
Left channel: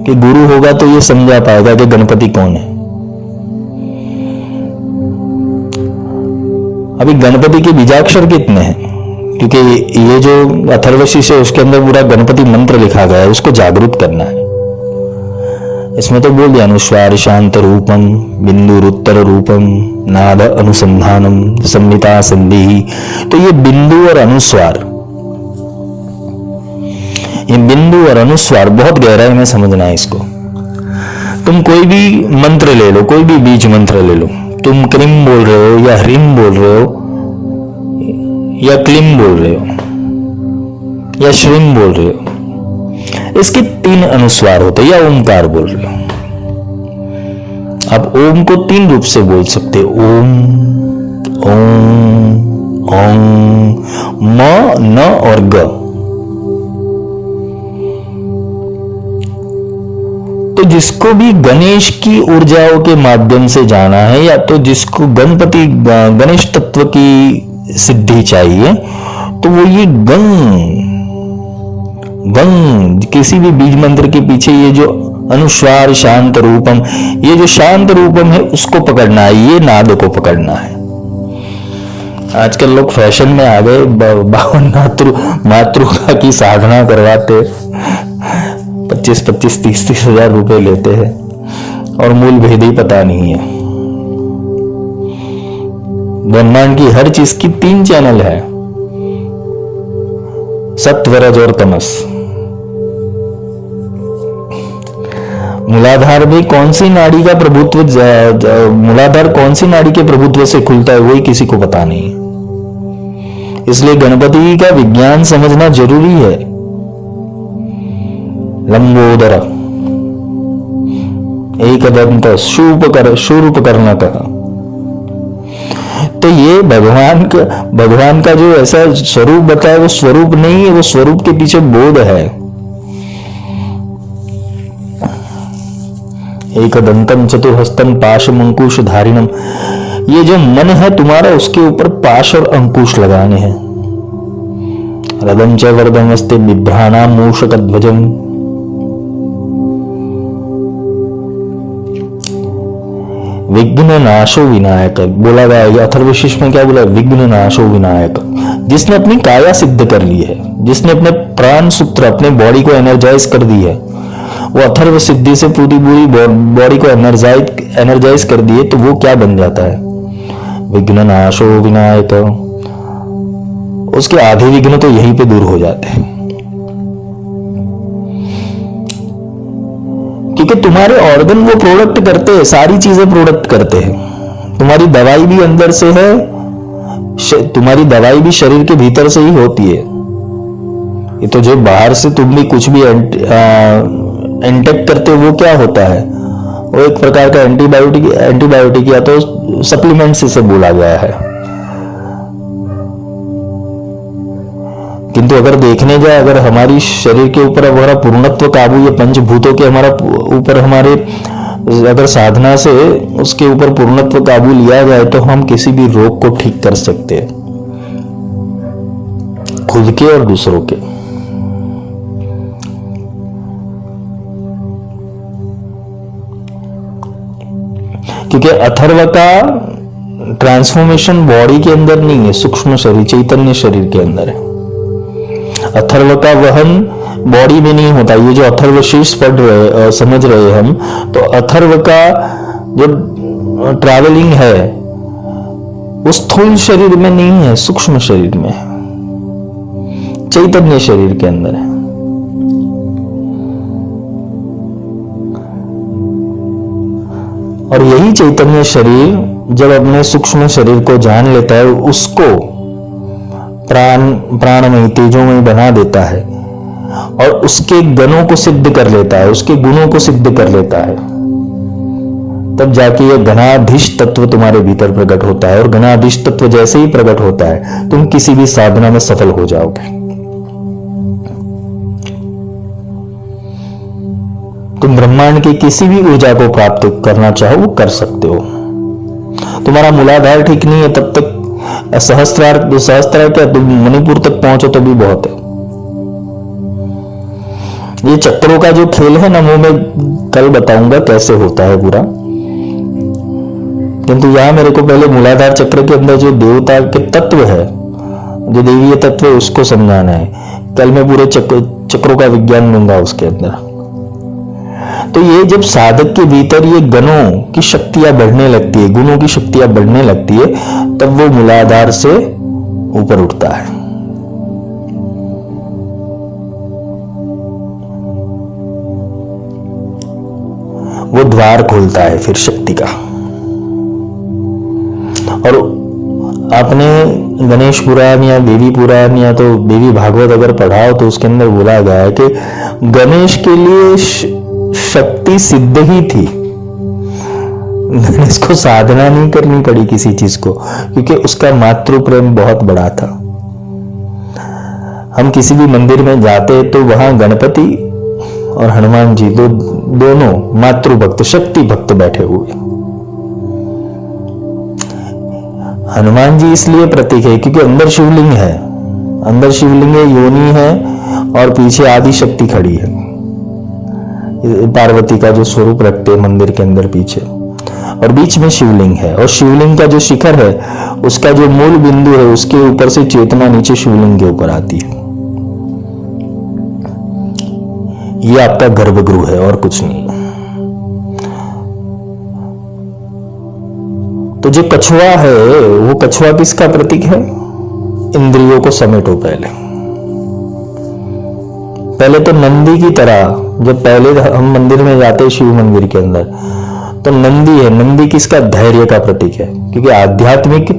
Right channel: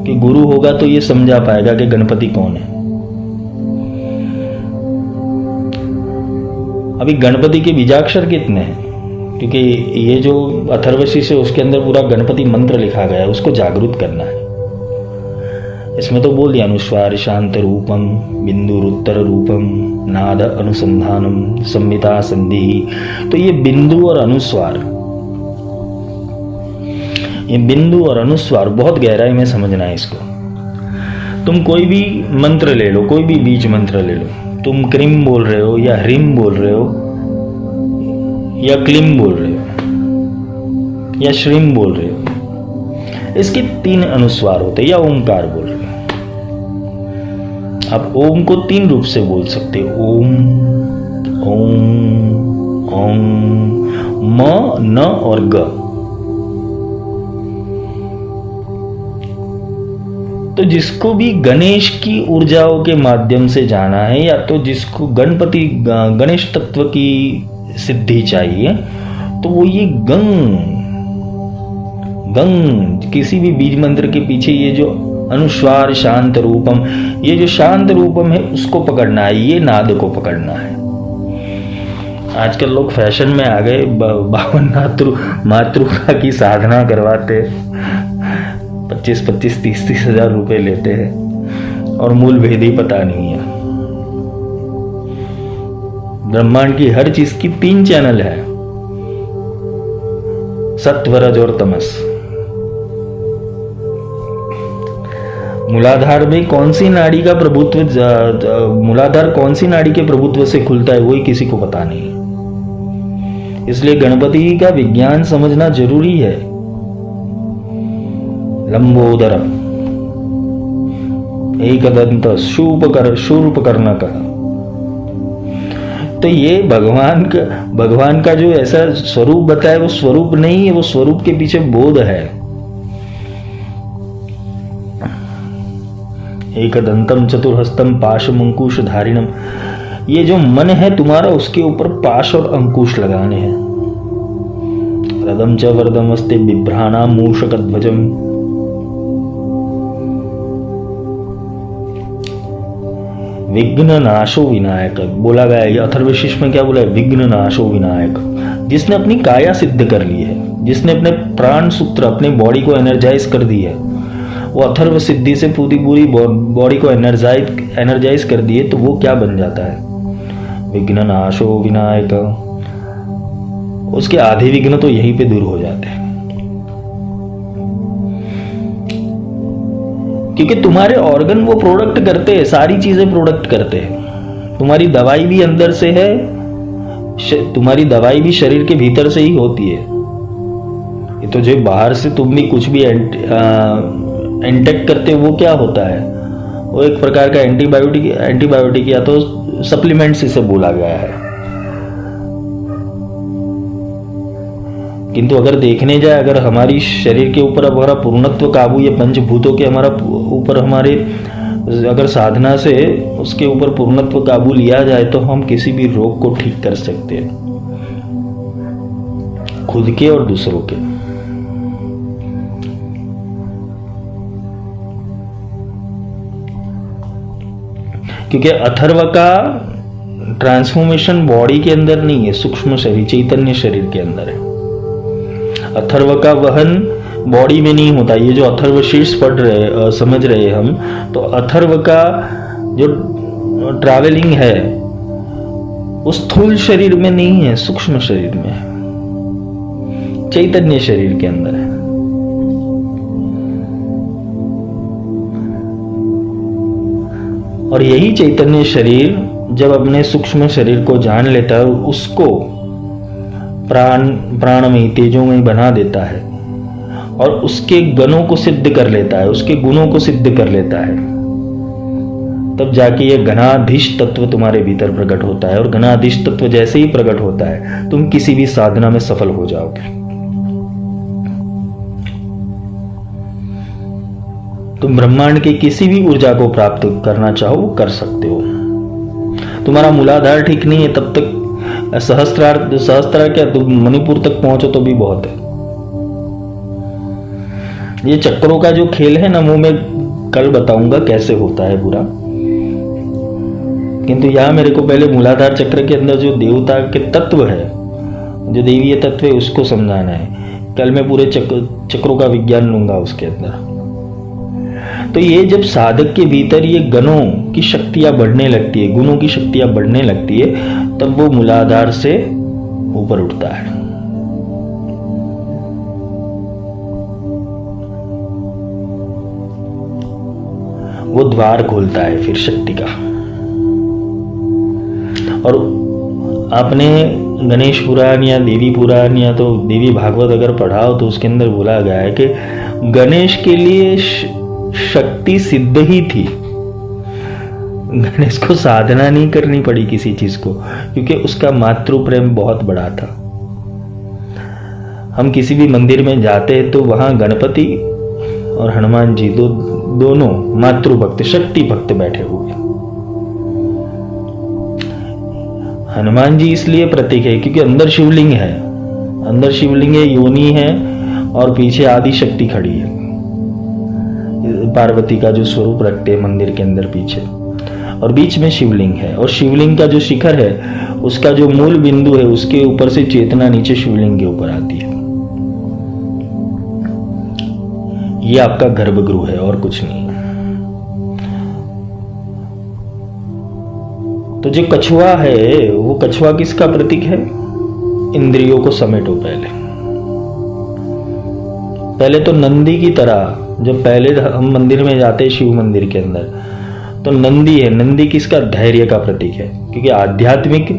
कि गुरु होगा तो ये समझा पाएगा कि गणपति कौन है। अभी गणपति के बीजाक्षर कितने हैं? क्योंकि ये जो अथर्वशीष है उसके अंदर पूरा गणपति मंत्र लिखा गया है, उसको जागृत करना है। इसमें तो बोल दिया, अनुस्वार शांत रूपम, बिंदु उत्तर रूपम, नाद अनुसंधानम, संहिता संधि। तो ये बिंदु और अनुस्वार, ये बिंदु और अनुस्वार बहुत गहराई में समझना है इसको। तुम कोई भी मंत्र ले लो, कोई भी बीज मंत्र ले लो, तुम क्रीम बोल रहे हो या ह्रीम बोल रहे हो या क्लीम बोल रहे हो या श्रीम बोल रहे हो, इसके 3 अनुस्वार होते हैं। या ओमकार बोल रहे हो, आप ओम को 3 रूप से बोल सकते हो, ओम, ओम, ओम, म, न और ग। तो जिसको भी गणेश की ऊर्जाओं के माध्यम से जाना है, या तो जिसको गणेश तत्व की सिद्धि चाहिए, तो वो ये गंग किसी भी बीज मंत्र के पीछे ये जो अनुस्वार शांत रूपम, ये जो शांत रूपम है उसको पकड़ना है, ये नाद को पकड़ना है। आजकल लोग फैशन में आ गए, 52 मातृका की साधना करवाते, 25-25, 30-30 हजार रुपए लेते हैं और मूल भेद ही पता नहीं है। ब्रह्मांड की हर चीज की 3 चैनल है, सत्व, रज और तमस। मूलाधार में कौन सी नाड़ी का प्रभुत्व, मूलाधार कौन सी नाड़ी के प्रभुत्व से खुलता है, वही किसी को पता नहीं। इसलिए गणपति का विज्ञान समझना जरूरी है। लंबोदर, एकदंत, शूर्पकर्णक। तो ये भगवान का जो ऐसा स्वरूप बताया, वो स्वरूप नहीं है, वो स्वरूप के पीछे बोध है। एकदंतम चतुर्हस्तम पाशम अंकुश धारिणम, ये जो मन है तुम्हारा, उसके ऊपर पाश और अंकुश लगाने हैं। रदम च वरदमस्ते बिभ्राणा मूषकध्वजम, विघ्न नाशो विनायक बोला गया है। अथर्वशीष में क्या बोला? विघ्न नाशो विनायक। जिसने अपनी काया सिद्ध कर ली है, जिसने अपने प्राण सूत्र, अपने बॉडी को एनर्जाइज कर दी है, वो अथर्व सिद्धि से पूरी बॉडी को एनर्जाइज कर दी है, तो वो क्या बन जाता है? विघ्न नाशो विनायक। उसके आधे विघ्न तो यहीं पे दूर हो जाते हैं। क्योंकि तुम्हारे ऑर्गन वो प्रोडक्ट करते हैं, सारी चीजें प्रोडक्ट करते हैं। तुम्हारी दवाई भी अंदर से है, तुम्हारी दवाई भी शरीर के भीतर से ही होती है। ये तो जो बाहर से तुम भी कुछ भी इंटेक करते हो, वो क्या होता है? वो एक प्रकार का एंटीबायोटिक या तो सप्लीमेंट्स इसे बोला गया है। किंतु अगर देखने जाए, अगर हमारी शरीर के ऊपर हमारा पूर्णत्व काबू, ये पंचभूतों के हमारा ऊपर हमारे अगर साधना से उसके ऊपर पूर्णत्व काबू लिया जाए तो हम किसी भी रोग को ठीक कर सकते हैं, खुद के और दूसरों के। क्योंकि अथर्व का ट्रांसफॉर्मेशन बॉडी के अंदर नहीं है, सूक्ष्म शरीर चैतन्य शरीर के अंदर है। अथर्व का वहन बॉडी में नहीं होता। ये जो अथर्व शीर्ष पढ़ रहे समझ रहे हम, तो अथर्व का जो ट्रैवलिंग है उस स्थूल शरीर में नहीं है, सूक्ष्म शरीर में है, चैतन्य शरीर के अंदर है। और यही चैतन्य शरीर जब अपने सूक्ष्म शरीर को जान लेता है, उसको प्राणमयी तेजोमयी बना देता है और उसके गणों को सिद्ध कर लेता है, उसके गुणों को सिद्ध कर लेता है, तब जाके यह गणाधीश तत्व तुम्हारे भीतर प्रकट होता है। और गणाधीश तत्व जैसे ही प्रकट होता है, तुम किसी भी साधना में सफल हो जाओगे। तुम ब्रह्मांड की किसी भी ऊर्जा को प्राप्त करना चाहो वो कर सकते हो। तुम्हारा मूलाधार ठीक नहीं है तब तक सहस्त्रार क्या तुम मणिपुर तक पहुंचो तो भी बहुत है। ये चक्रों का जो खेल है ना, वो मैं कल बताऊंगा कैसे होता है पूरा। किंतु यहां मेरे को पहले मूलाधार चक्र के अंदर जो देवता के तत्व है, जो देवीय तत्व है, उसको समझाना है। कल मैं पूरे चक्रों का विज्ञान लूंगा उसके अंदर। तो ये जब साधक के भीतर ये गणों की शक्तियां बढ़ने लगती है, गुणों की शक्तियां बढ़ने लगती है, तब वो मूलाधार से ऊपर उठता है। वो द्वार खोलता है फिर शक्ति का। और आपने गणेश पुराण या देवी पुराण या तो देवी भागवत अगर पढ़ाओ तो उसके अंदर बोला गया है कि गणेश के लिए शक्ति सिद्ध ही थी। गणेश को साधना नहीं करनी पड़ी किसी चीज को, क्योंकि उसका मातृ प्रेम बहुत बड़ा था। हम किसी भी मंदिर में जाते तो वहां गणपति और हनुमान जी दोनों मातृ भक्त, शक्ति भक्त बैठे हुए। हनुमान जी इसलिए प्रतीक है क्योंकि अंदर शिवलिंग है, अंदर शिवलिंग है, योनि है और पीछे आदि शक्ति खड़ी है। पार्वती का जो स्वरूप रखते हैं मंदिर के अंदर पीछे, और बीच में शिवलिंग है। और शिवलिंग का जो शिखर है, उसका जो मूल बिंदु है, उसके ऊपर से चेतना नीचे शिवलिंग के ऊपर आती है। ये आपका गर्भगृह है और कुछ नहीं। तो जो कछुआ है, वो कछुआ किसका प्रतीक है? इंद्रियों को समेटो। पहले तो नंदी की तरह, जब पहले हम मंदिर में जाते हैं शिव मंदिर के अंदर, तो नंदी है। नंदी किसका? धैर्य का प्रतीक है। क्योंकि आध्यात्मिक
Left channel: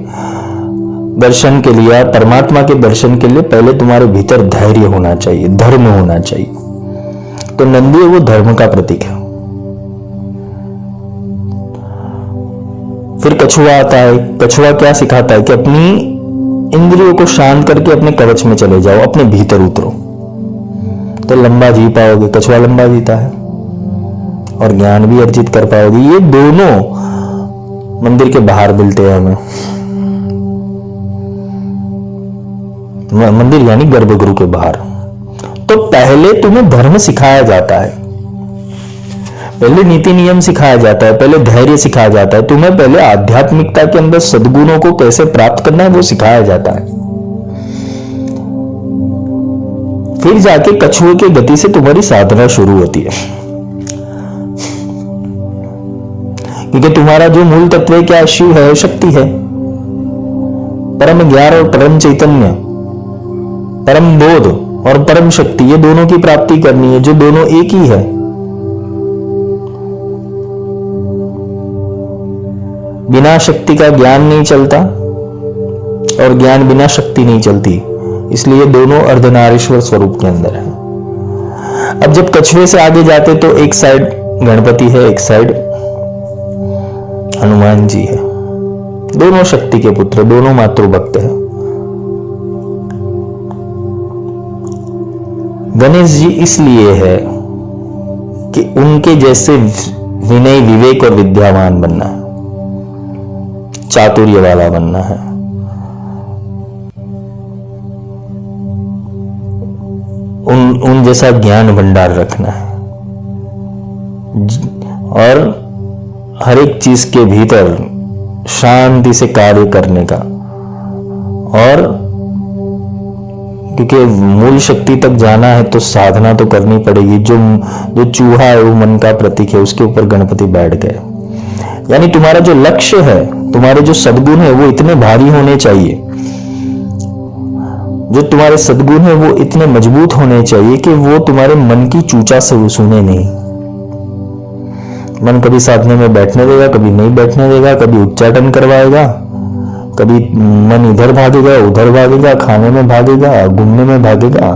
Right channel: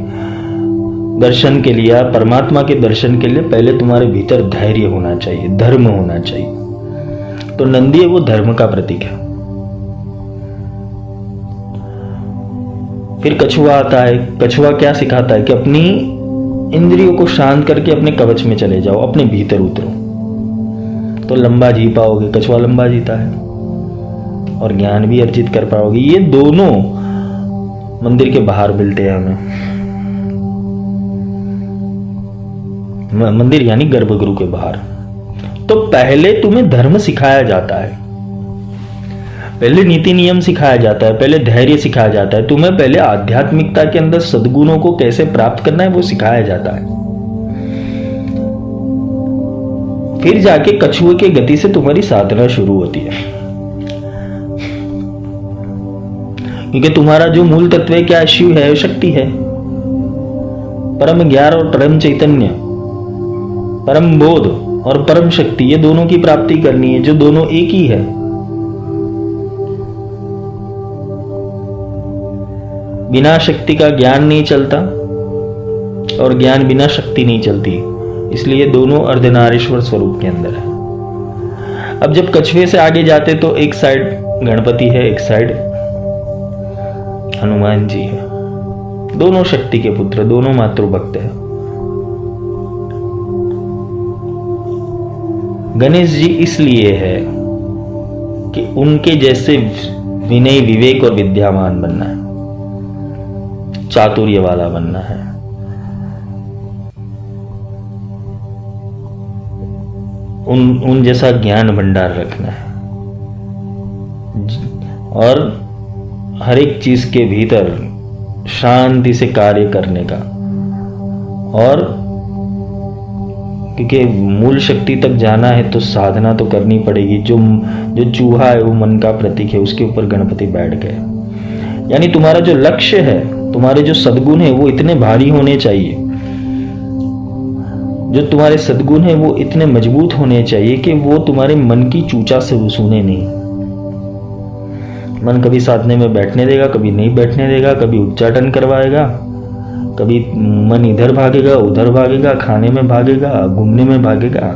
दर्शन के लिए, परमात्मा के दर्शन के लिए पहले तुम्हारे भीतर धैर्य होना चाहिए, धर्म होना चाहिए। तो नंदी है, वो धर्म का प्रतीक है। फिर कछुआ आता है। कछुआ क्या सिखाता है कि अपनी इंद्रियों को शांत करके अपने कवच में चले जाओ, अपने भीतर उतरो, तो लंबा जी पाओगे। कछुआ लंबा जीता है और ज्ञान भी अर्जित कर पाओगे। ये दोनों मंदिर के बाहर मिलते हैं हमें। मंदिर यानी गर्भगृह के बाहर। तो पहले तुम्हें धर्म सिखाया जाता है, पहले नीति नियम सिखाया जाता है, पहले धैर्य सिखाया जाता है। तुम्हें पहले आध्यात्मिकता के अंदर सद्गुणों को कैसे प्राप्त करना है वो सिखाया जाता है। फिर जाके कछुए की गति से तुम्हारी साधना शुरू होती है। क्योंकि तुम्हारा जो मूल तत्व है क्या? शिव है, शक्ति है, परम ज्ञान और परम चैतन्य, परम बोध और परम शक्ति, ये दोनों की प्राप्ति करनी है, जो दोनों एक ही है। बिना शक्ति का ज्ञान नहीं चलता और ज्ञान बिना शक्ति नहीं चलती। इसलिए दोनों अर्धनारीश्वर स्वरूप के अंदर है। अब जब कछुए से आगे जाते तो एक साइड गणपति है, एक साइड हनुमान जी है। दोनों शक्ति के पुत्र, दोनों मातृभक्त हैं। गणेश जी इसलिए है कि उनके जैसे विनय, विवेक और विद्यावान बनना है, चातुर्य वाला बनना है। उन जैसा ज्ञान भंडार रखना है और हर एक चीज के भीतर शांति से कार्य करने का। और क्योंकि मूल शक्ति तक जाना है तो साधना तो करनी पड़ेगी। जो चूहा है वो मन का प्रतीक है, उसके ऊपर गणपति बैठ गए। यानी तुम्हारा जो लक्ष्य है, तुम्हारे जो सद्गुण है वो इतने भारी होने चाहिए, जो तुम्हारे सद्गुण है वो इतने मजबूत होने चाहिए कि वो तुम्हारे मन की चूचा से सुने नहीं। मन कभी साधने में बैठने देगा, कभी नहीं बैठने देगा, कभी उच्चाटन करवाएगा, कभी मन इधर भागेगा, उधर भागेगा, खाने में भागेगा, घूमने में भागेगा,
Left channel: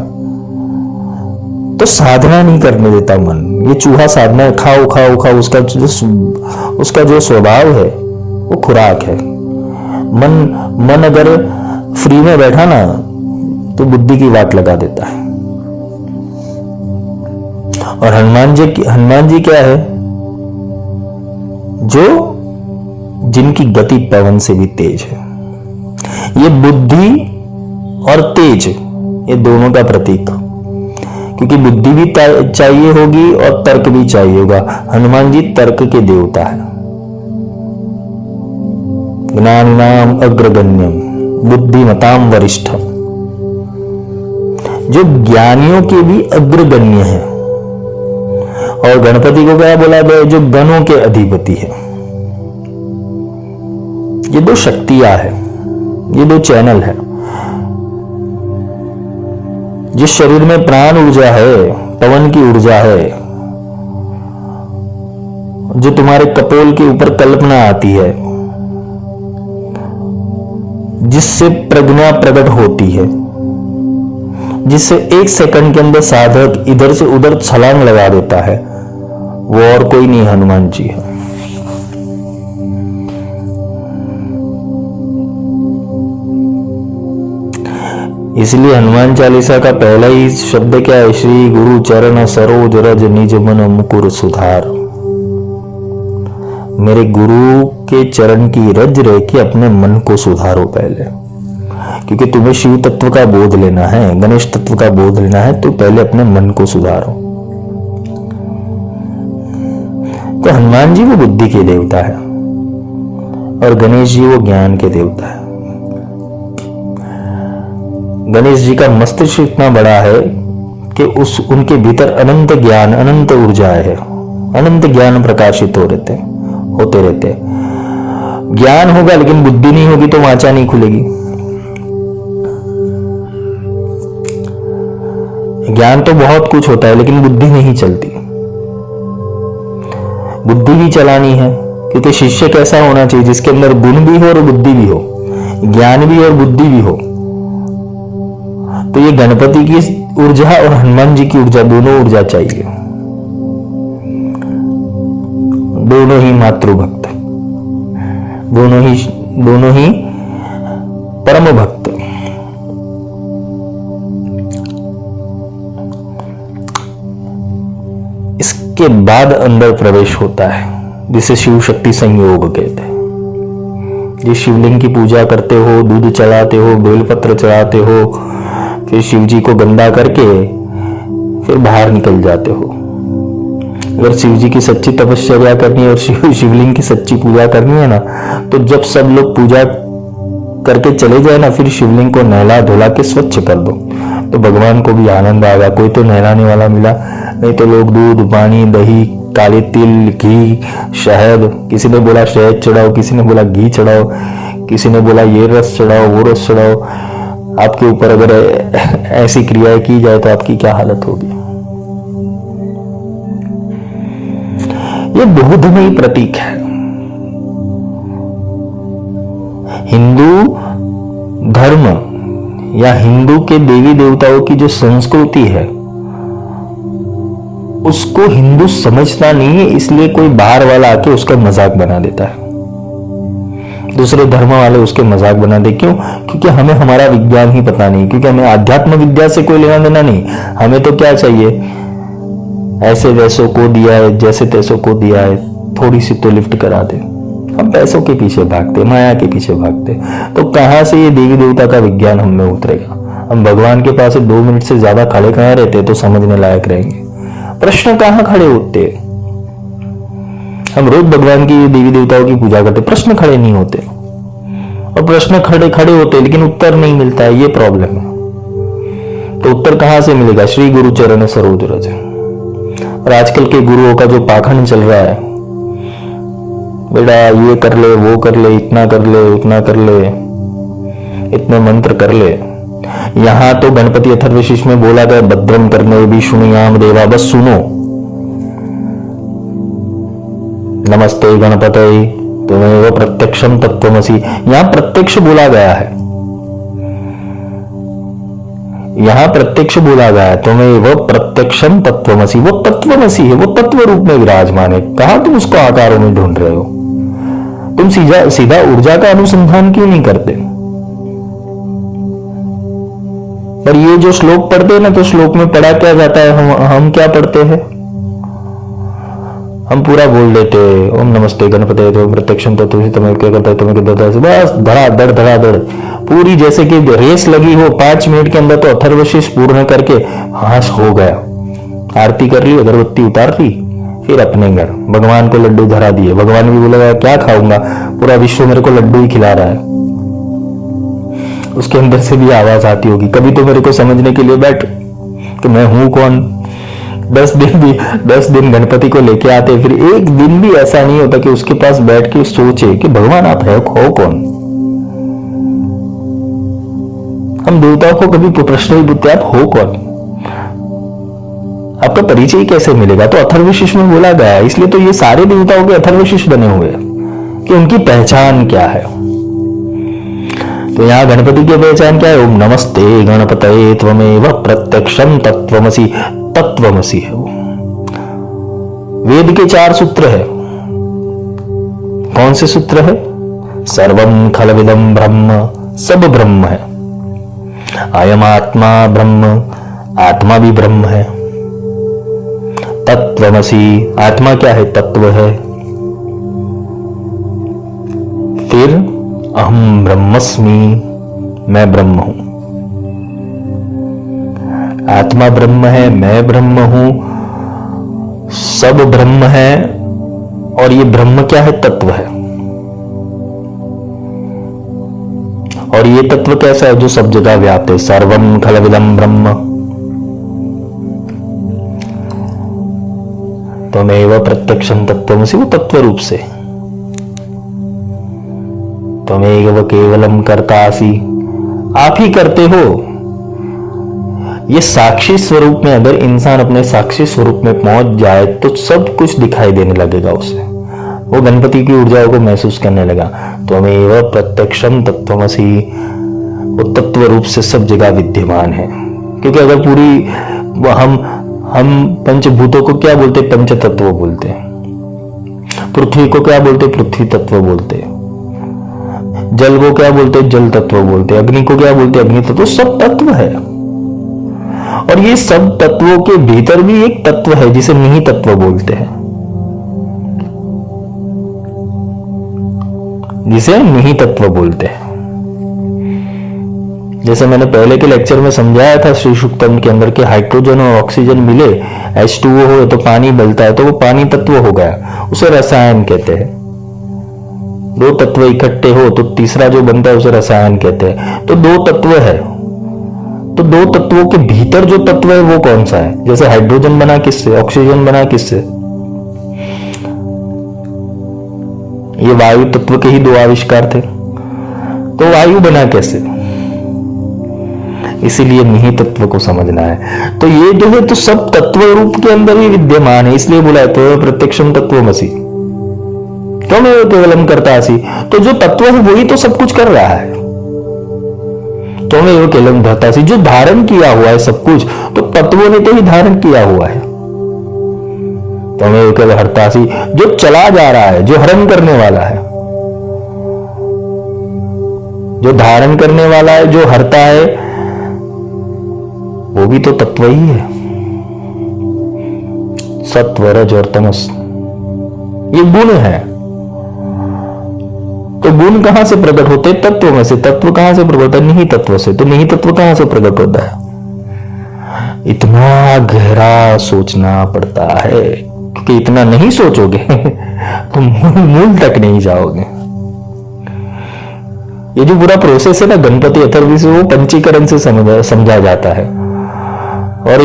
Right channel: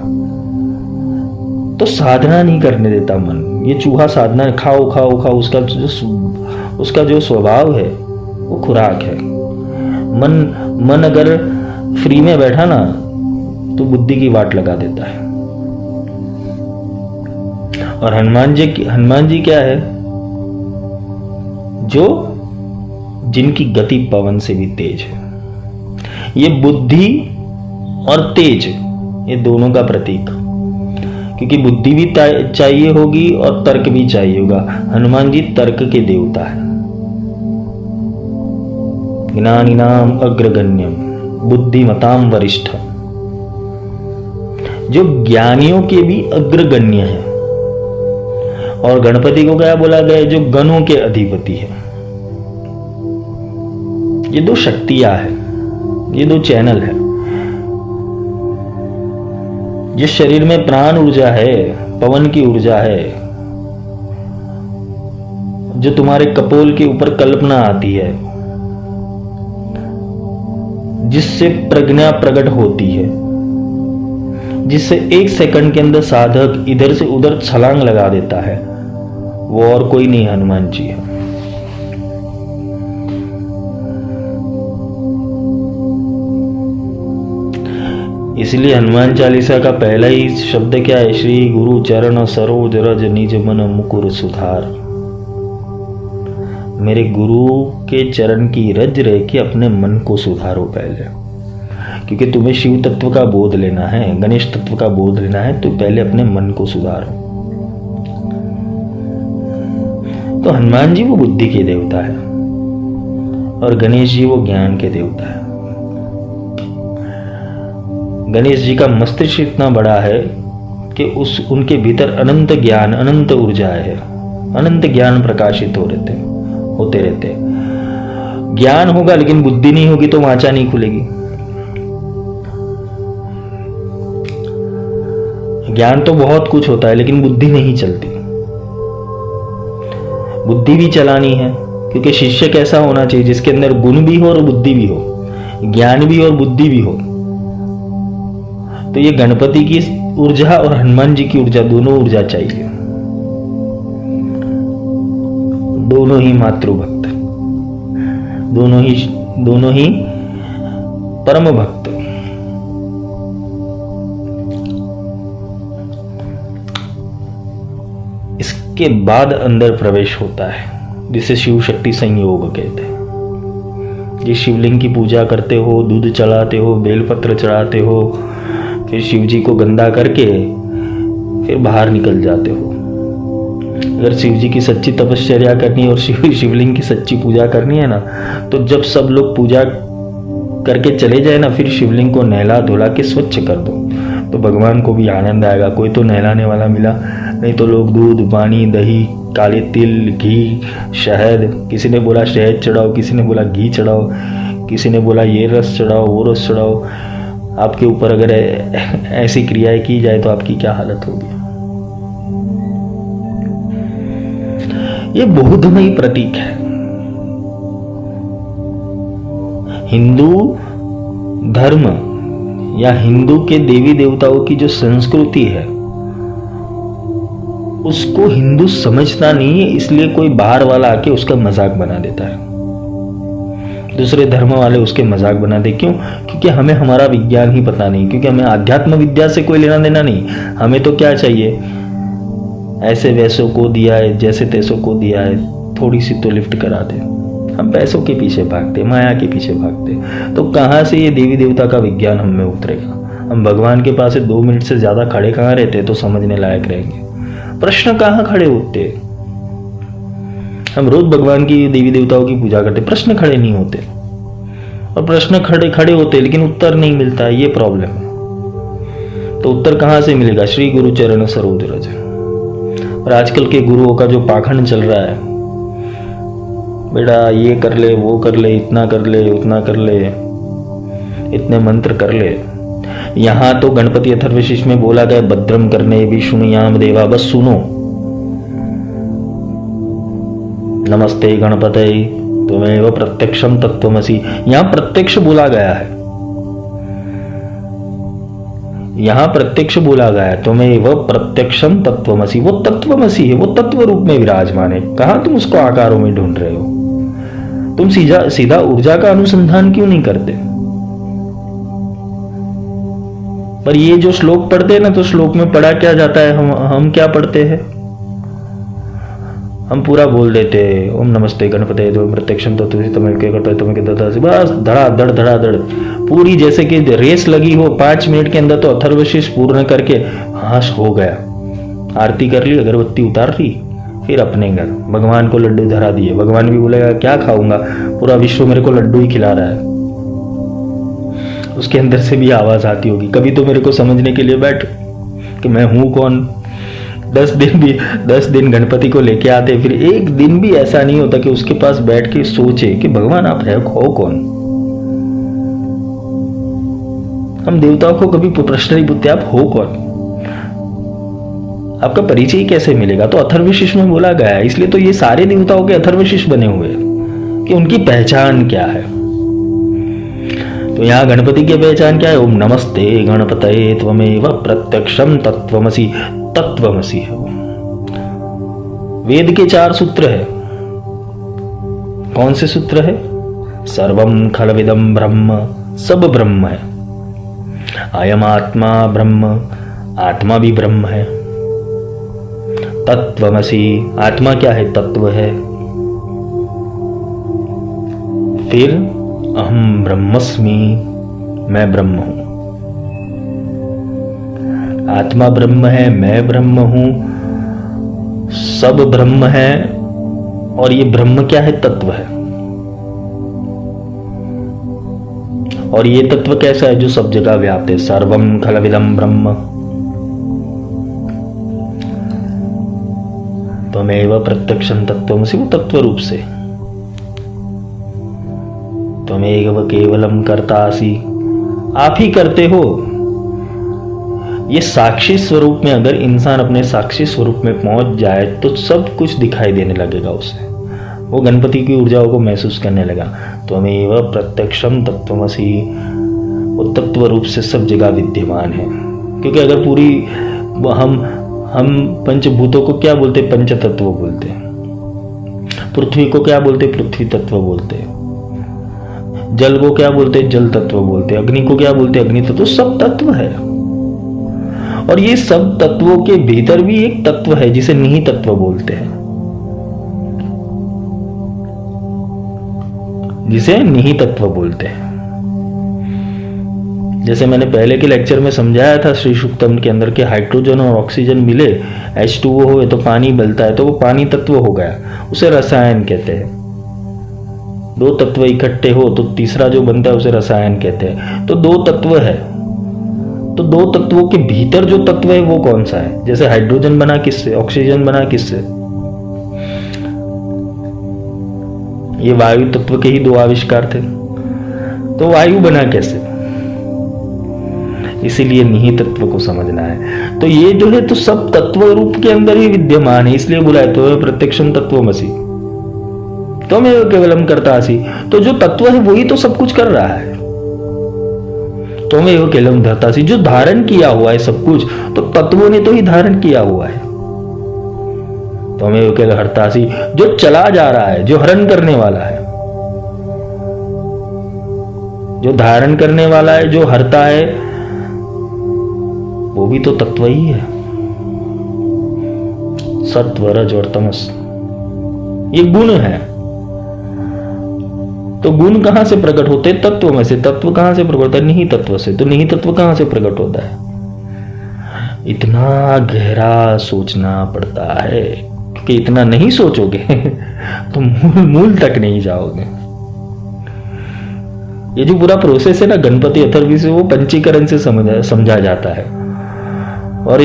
तो साधना नहीं करने देता मन। ये चूहा साधना है, खाओ खाओ खाओ, उसका जो स्वभाव है वो खुराक है। मन अगर फ्री में बैठा ना तो बुद्धि की वाट लगा देता है। और हनुमान जी क्या है? जो जिनकी गति पवन से भी तेज है। ये बुद्धि और तेज, ये दोनों का प्रतीक, क्योंकि बुद्धि भी चाहिए होगी और तर्क भी चाहिए होगा। हनुमान जी तर्क के देवता है। ज्ञानिनाम अग्रगण्यम बुद्धिमताम वरिष्ठम, जो ज्ञानियों के भी अग्रगण्य है। और गणपति को क्या बोला गया? जो गणों के अधिपति है। ये दो शक्तियां है, ये दो चैनल है। जिस शरीर में प्राण ऊर्जा है, पवन की ऊर्जा है, जो तुम्हारे कपोल के ऊपर कल्पना आती है, जिससे प्रज्ञा प्रकट होती है, जिससे 1 सेकंड के अंदर साधक इधर से उधर छलांग लगा देता है, वो और कोई नहीं, हनुमान जी है। इसलिए हनुमान चालीसा का पहला ही शब्द क्या है? श्री गुरु चरण सरोज रज निज मन मुकुर सुधार। मेरे गुरु के चरण की रज रह के अपने मन को सुधारो पहले, क्योंकि तुम्हें शिव तत्व का बोध लेना है, गणेश तत्व का बोध लेना है, तो पहले अपने मन को सुधारो। तो हनुमान जी वो बुद्धि के देवता है और गणेश जी वो ज्ञान के देवता है। गणेश जी का मस्तिष्क इतना बड़ा है कि उनके भीतर अनंत ज्ञान, अनंत ऊर्जा है, अनंत ज्ञान प्रकाशित होते रहते। ज्ञान होगा लेकिन बुद्धि नहीं होगी तो वाचा नहीं खुलेगी। ज्ञान तो बहुत कुछ होता है लेकिन बुद्धि नहीं चलती। बुद्धि भी चलानी है, क्योंकि शिष्य कैसा होना चाहिए? जिसके अंदर गुण भी हो और बुद्धि भी हो, ज्ञान भी और बुद्धि भी हो। तो ये गणपति की ऊर्जा और हनुमान जी की ऊर्जा, दोनों ऊर्जा चाहिए। दोनों ही मातृभक्त, दोनों ही परम भक्त। इसके बाद अंदर प्रवेश होता है, जिसे शिव शक्ति संयोग कहते हैं। जिस शिवलिंग की पूजा करते हो, दूध चढ़ाते हो, बेलपत्र चढ़ाते हो, फिर शिव जी को गंदा करके फिर बाहर निकल जाते हो। अगर शिव जी की सच्ची तपस्या करनी है और शिवलिंग की सच्ची पूजा करनी है ना, तो जब सब लोग पूजा करके चले जाए ना, फिर शिवलिंग को नहला धुला के स्वच्छ कर दो, तो भगवान को भी आनंद आएगा। कोई तो नहलाने वाला मिला, नहीं तो लोग दूध, पानी, दही, काले तिल, घी, शहद, किसी ने बोला शहद चढ़ाओ, किसी ने बोला घी चढ़ाओ, किसी ने बोला ये रस चढ़ाओ, वो रस चढ़ाओ। आपके ऊपर अगर ऐसी क्रियाएं की जाए तो आपकी क्या हालत होगी? ये बहुधमयी प्रतीक है। हिंदू धर्म या हिंदू के देवी देवताओं की जो संस्कृति है, उसको हिंदू समझता नहीं है, इसलिए कोई बाहर वाला आके उसका मजाक बना देता है। दूसरे धर्म वाले उसके मजाक बना दे। क्यों? क्योंकि हमें हमारा विज्ञान ही पता नहीं, क्योंकि हमें आध्यात्म विद्या से कोई लेना देना नहीं। हमें तो क्या चाहिए? ऐसे वैसों को दिया है, जैसे तैसों को दिया है, थोड़ी सी तो लिफ्ट करा दे। हम पैसों के पीछे भागते, माया के पीछे भागते, तो कहां से ये देवी देवता का विज्ञान हम में उतरेगा? हम भगवान के पास 2 मिनट से ज्यादा खड़े कहां रहते तो समझने लायक रहेंगे। प्रश्न कहां खड़े होते? हम रोज भगवान की देवी देवताओं की पूजा करते, प्रश्न खड़े नहीं होते, और प्रश्न खड़े खड़े होते लेकिन उत्तर नहीं मिलता, ये प्रॉब्लम है। तो उत्तर कहां से मिलेगा? श्री गुरु चरण सरोज रज। और आजकल के गुरुओं का जो पाखंड चल रहा है, बेटा ये कर ले, वो कर ले, इतना कर ले, उतना कर ले, इतने मंत्र कर ले। यहां तो गणपति अथर्वशीष में बोला गया भद्रम करने विष्णुयाम देवा, बस सुनो। नमस्ते गणपतये त्वमेव प्रत्यक्षम तत्त्वमसि, यहां प्रत्यक्ष बोला गया है, यहां प्रत्यक्ष बोला गया है, त्वमेव प्रत्यक्षम तत्त्वमसि। वो तत्त्वमसि है, वो तत्व रूप में विराजमान है। कहां तुम उसको आकारों में ढूंढ रहे हो? तुम सीधा ऊर्जा का अनुसंधान क्यों नहीं करते? पर ये जो श्लोक पढ़ते हैं ना, तो श्लोक में पढ़ा क्या जाता है? हम क्या पढ़ते हैं? हम पूरा बोल देते ओम नमस्ते गणपते जो प्रत्यक्षम तत्त्वमसि तमेव क्या करता है तुम्हें क्या, बस धड़ाधड़ पूरी जैसे कि रेस लगी हो। 5 मिनट के अंदर तो अथर्वशीष पूर्ण करके हाश हो गया, आरती कर ली, अगरबत्ती उतार ली, फिर अपने घर भगवान को लड्डू धरा दिए। भगवान भी बोलेगा क्या खाऊंगा, पूरा विश्व मेरे को लड्डू ही खिला रहा है। उसके अंदर से भी आवाज आती होगी, कभी तो मेरे को समझने के लिए बैठ कि मैं हूं कौन। 10 दिन गणपति को लेके आते, फिर एक दिन भी ऐसा नहीं होता कि उसके पास बैठ के सोचे कि भगवान आप है हो कौन। हम देवताओं को कभी प्रश्न नहीं पूछते आप हो कौन, आपका परिचय कैसे मिलेगा? तो अथर्वशीष में बोला गया है, इसलिए तो ये सारे देवताओं के अथर्वशीष बने हुए हैं कि उनकी पहचान क्या है। तो यहां गणपति की पहचान क्या है? ओम नमस्ते गणपतये त्वमेव प्रत्यक्षम तत्त्वमसि, तत्त्वमसि है वो। वेद के 4 सूत्र है। कौन से सूत्र है? सर्वम खलविदम ब्रह्म, सब ब्रह्म है। अयम आत्मा ब्रह्म, आत्मा भी ब्रह्म है। तत्त्वमसि, आत्मा क्या है? तत्व है। फिर अहम ब्रह्मस्मि, मैं ब्रह्म हूं। आत्मा ब्रह्म है, मैं ब्रह्म हूं, सब ब्रह्म है। और ये ब्रह्म क्या है? तत्व है। और ये तत्व कैसा है? जो सब जगह व्याप्त है। सर्वम खलविदम ब्रह्म त्वमेव प्रत्यक्षम तत्त्वमसि, वो तत्व रूप से। त्वमेव केवलम कर्तासि, आप ही करते हो। ये साक्षी स्वरूप में अगर इंसान अपने साक्षी स्वरूप में पहुंच जाए तो सब कुछ दिखाई देने लगेगा उसे। वो गणपति की ऊर्जाओं को महसूस करने लगा। त्वमेव प्रत्यक्षम तत्त्वमसि, वो तत्व रूप से सब जगह विद्यमान है। क्योंकि अगर पूरी हम पंचभूतों को क्या बोलते? पंच तत्व बोलते। पृथ्वी को क्या बोलते? पृथ्वी तत्व बोलते। जल को क्या बोलते? जल तत्व बोलते। अग्नि को क्या बोलते? अग्नि तत्व। सब तत्व है। और ये सब तत्वों के भीतर भी एक तत्व है जिसे निहि तत्व बोलते हैं, जिसे निहि तत्व बोलते हैं। जैसे मैंने पहले के लेक्चर में समझाया था श्री सूक्तम के अंदर के हाइड्रोजन और ऑक्सीजन मिले H2O हो तो पानी बनता है, तो वो पानी तत्व हो गया, उसे रसायन कहते हैं। 2 तत्व इकट्ठे हो तो तीसरा जो बनता है उसे रसायन कहते हैं। तो 2 तत्व है, तो 2 तत्वों के भीतर जो तत्व है वो कौन सा है? जैसे हाइड्रोजन बना किससे? ऑक्सीजन बना किससे? ये वायु तत्व के ही 2 आविष्कार थे, तो वायु बना कैसे? इसीलिए निहि तत्व को समझना है। तो ये जो है तो सब तत्व रूप के अंदर ही विद्यमान है, इसलिए बोला है तो प्रत्यक्षम तत्त्वमसि त्वमेव केवलम कर्तासि। तो जो तत्व है वही तो सब कुछ कर रहा है। त्वमेव केवलम धर्तासि, जो धारण किया हुआ है सब कुछ, तो तत्वों ने तो ही धारण किया हुआ है। त्वमेव केवलम हर्तासि, जो चला जा रहा है, जो हरण करने वाला है, जो धारण करने वाला है, जो हरता है, वो भी तो तत्व ही है। सत्व, रज और तमस। ये गुण है। तो गुण कहां से प्रकट होते? तत्व में से। तत्व कहां से प्रकट होता है? निहित तत्व से। तो निहित तत्व कहां से प्रकट होता है? इतना गहरा सोचना पड़ता है, क्योंकि इतना नहीं सोचोगे तो मूल तक नहीं जाओगे। ये जो पूरा प्रोसेस है ना गणपति अथर्वशीष से, वो पंचीकरण से समझा जाता है। और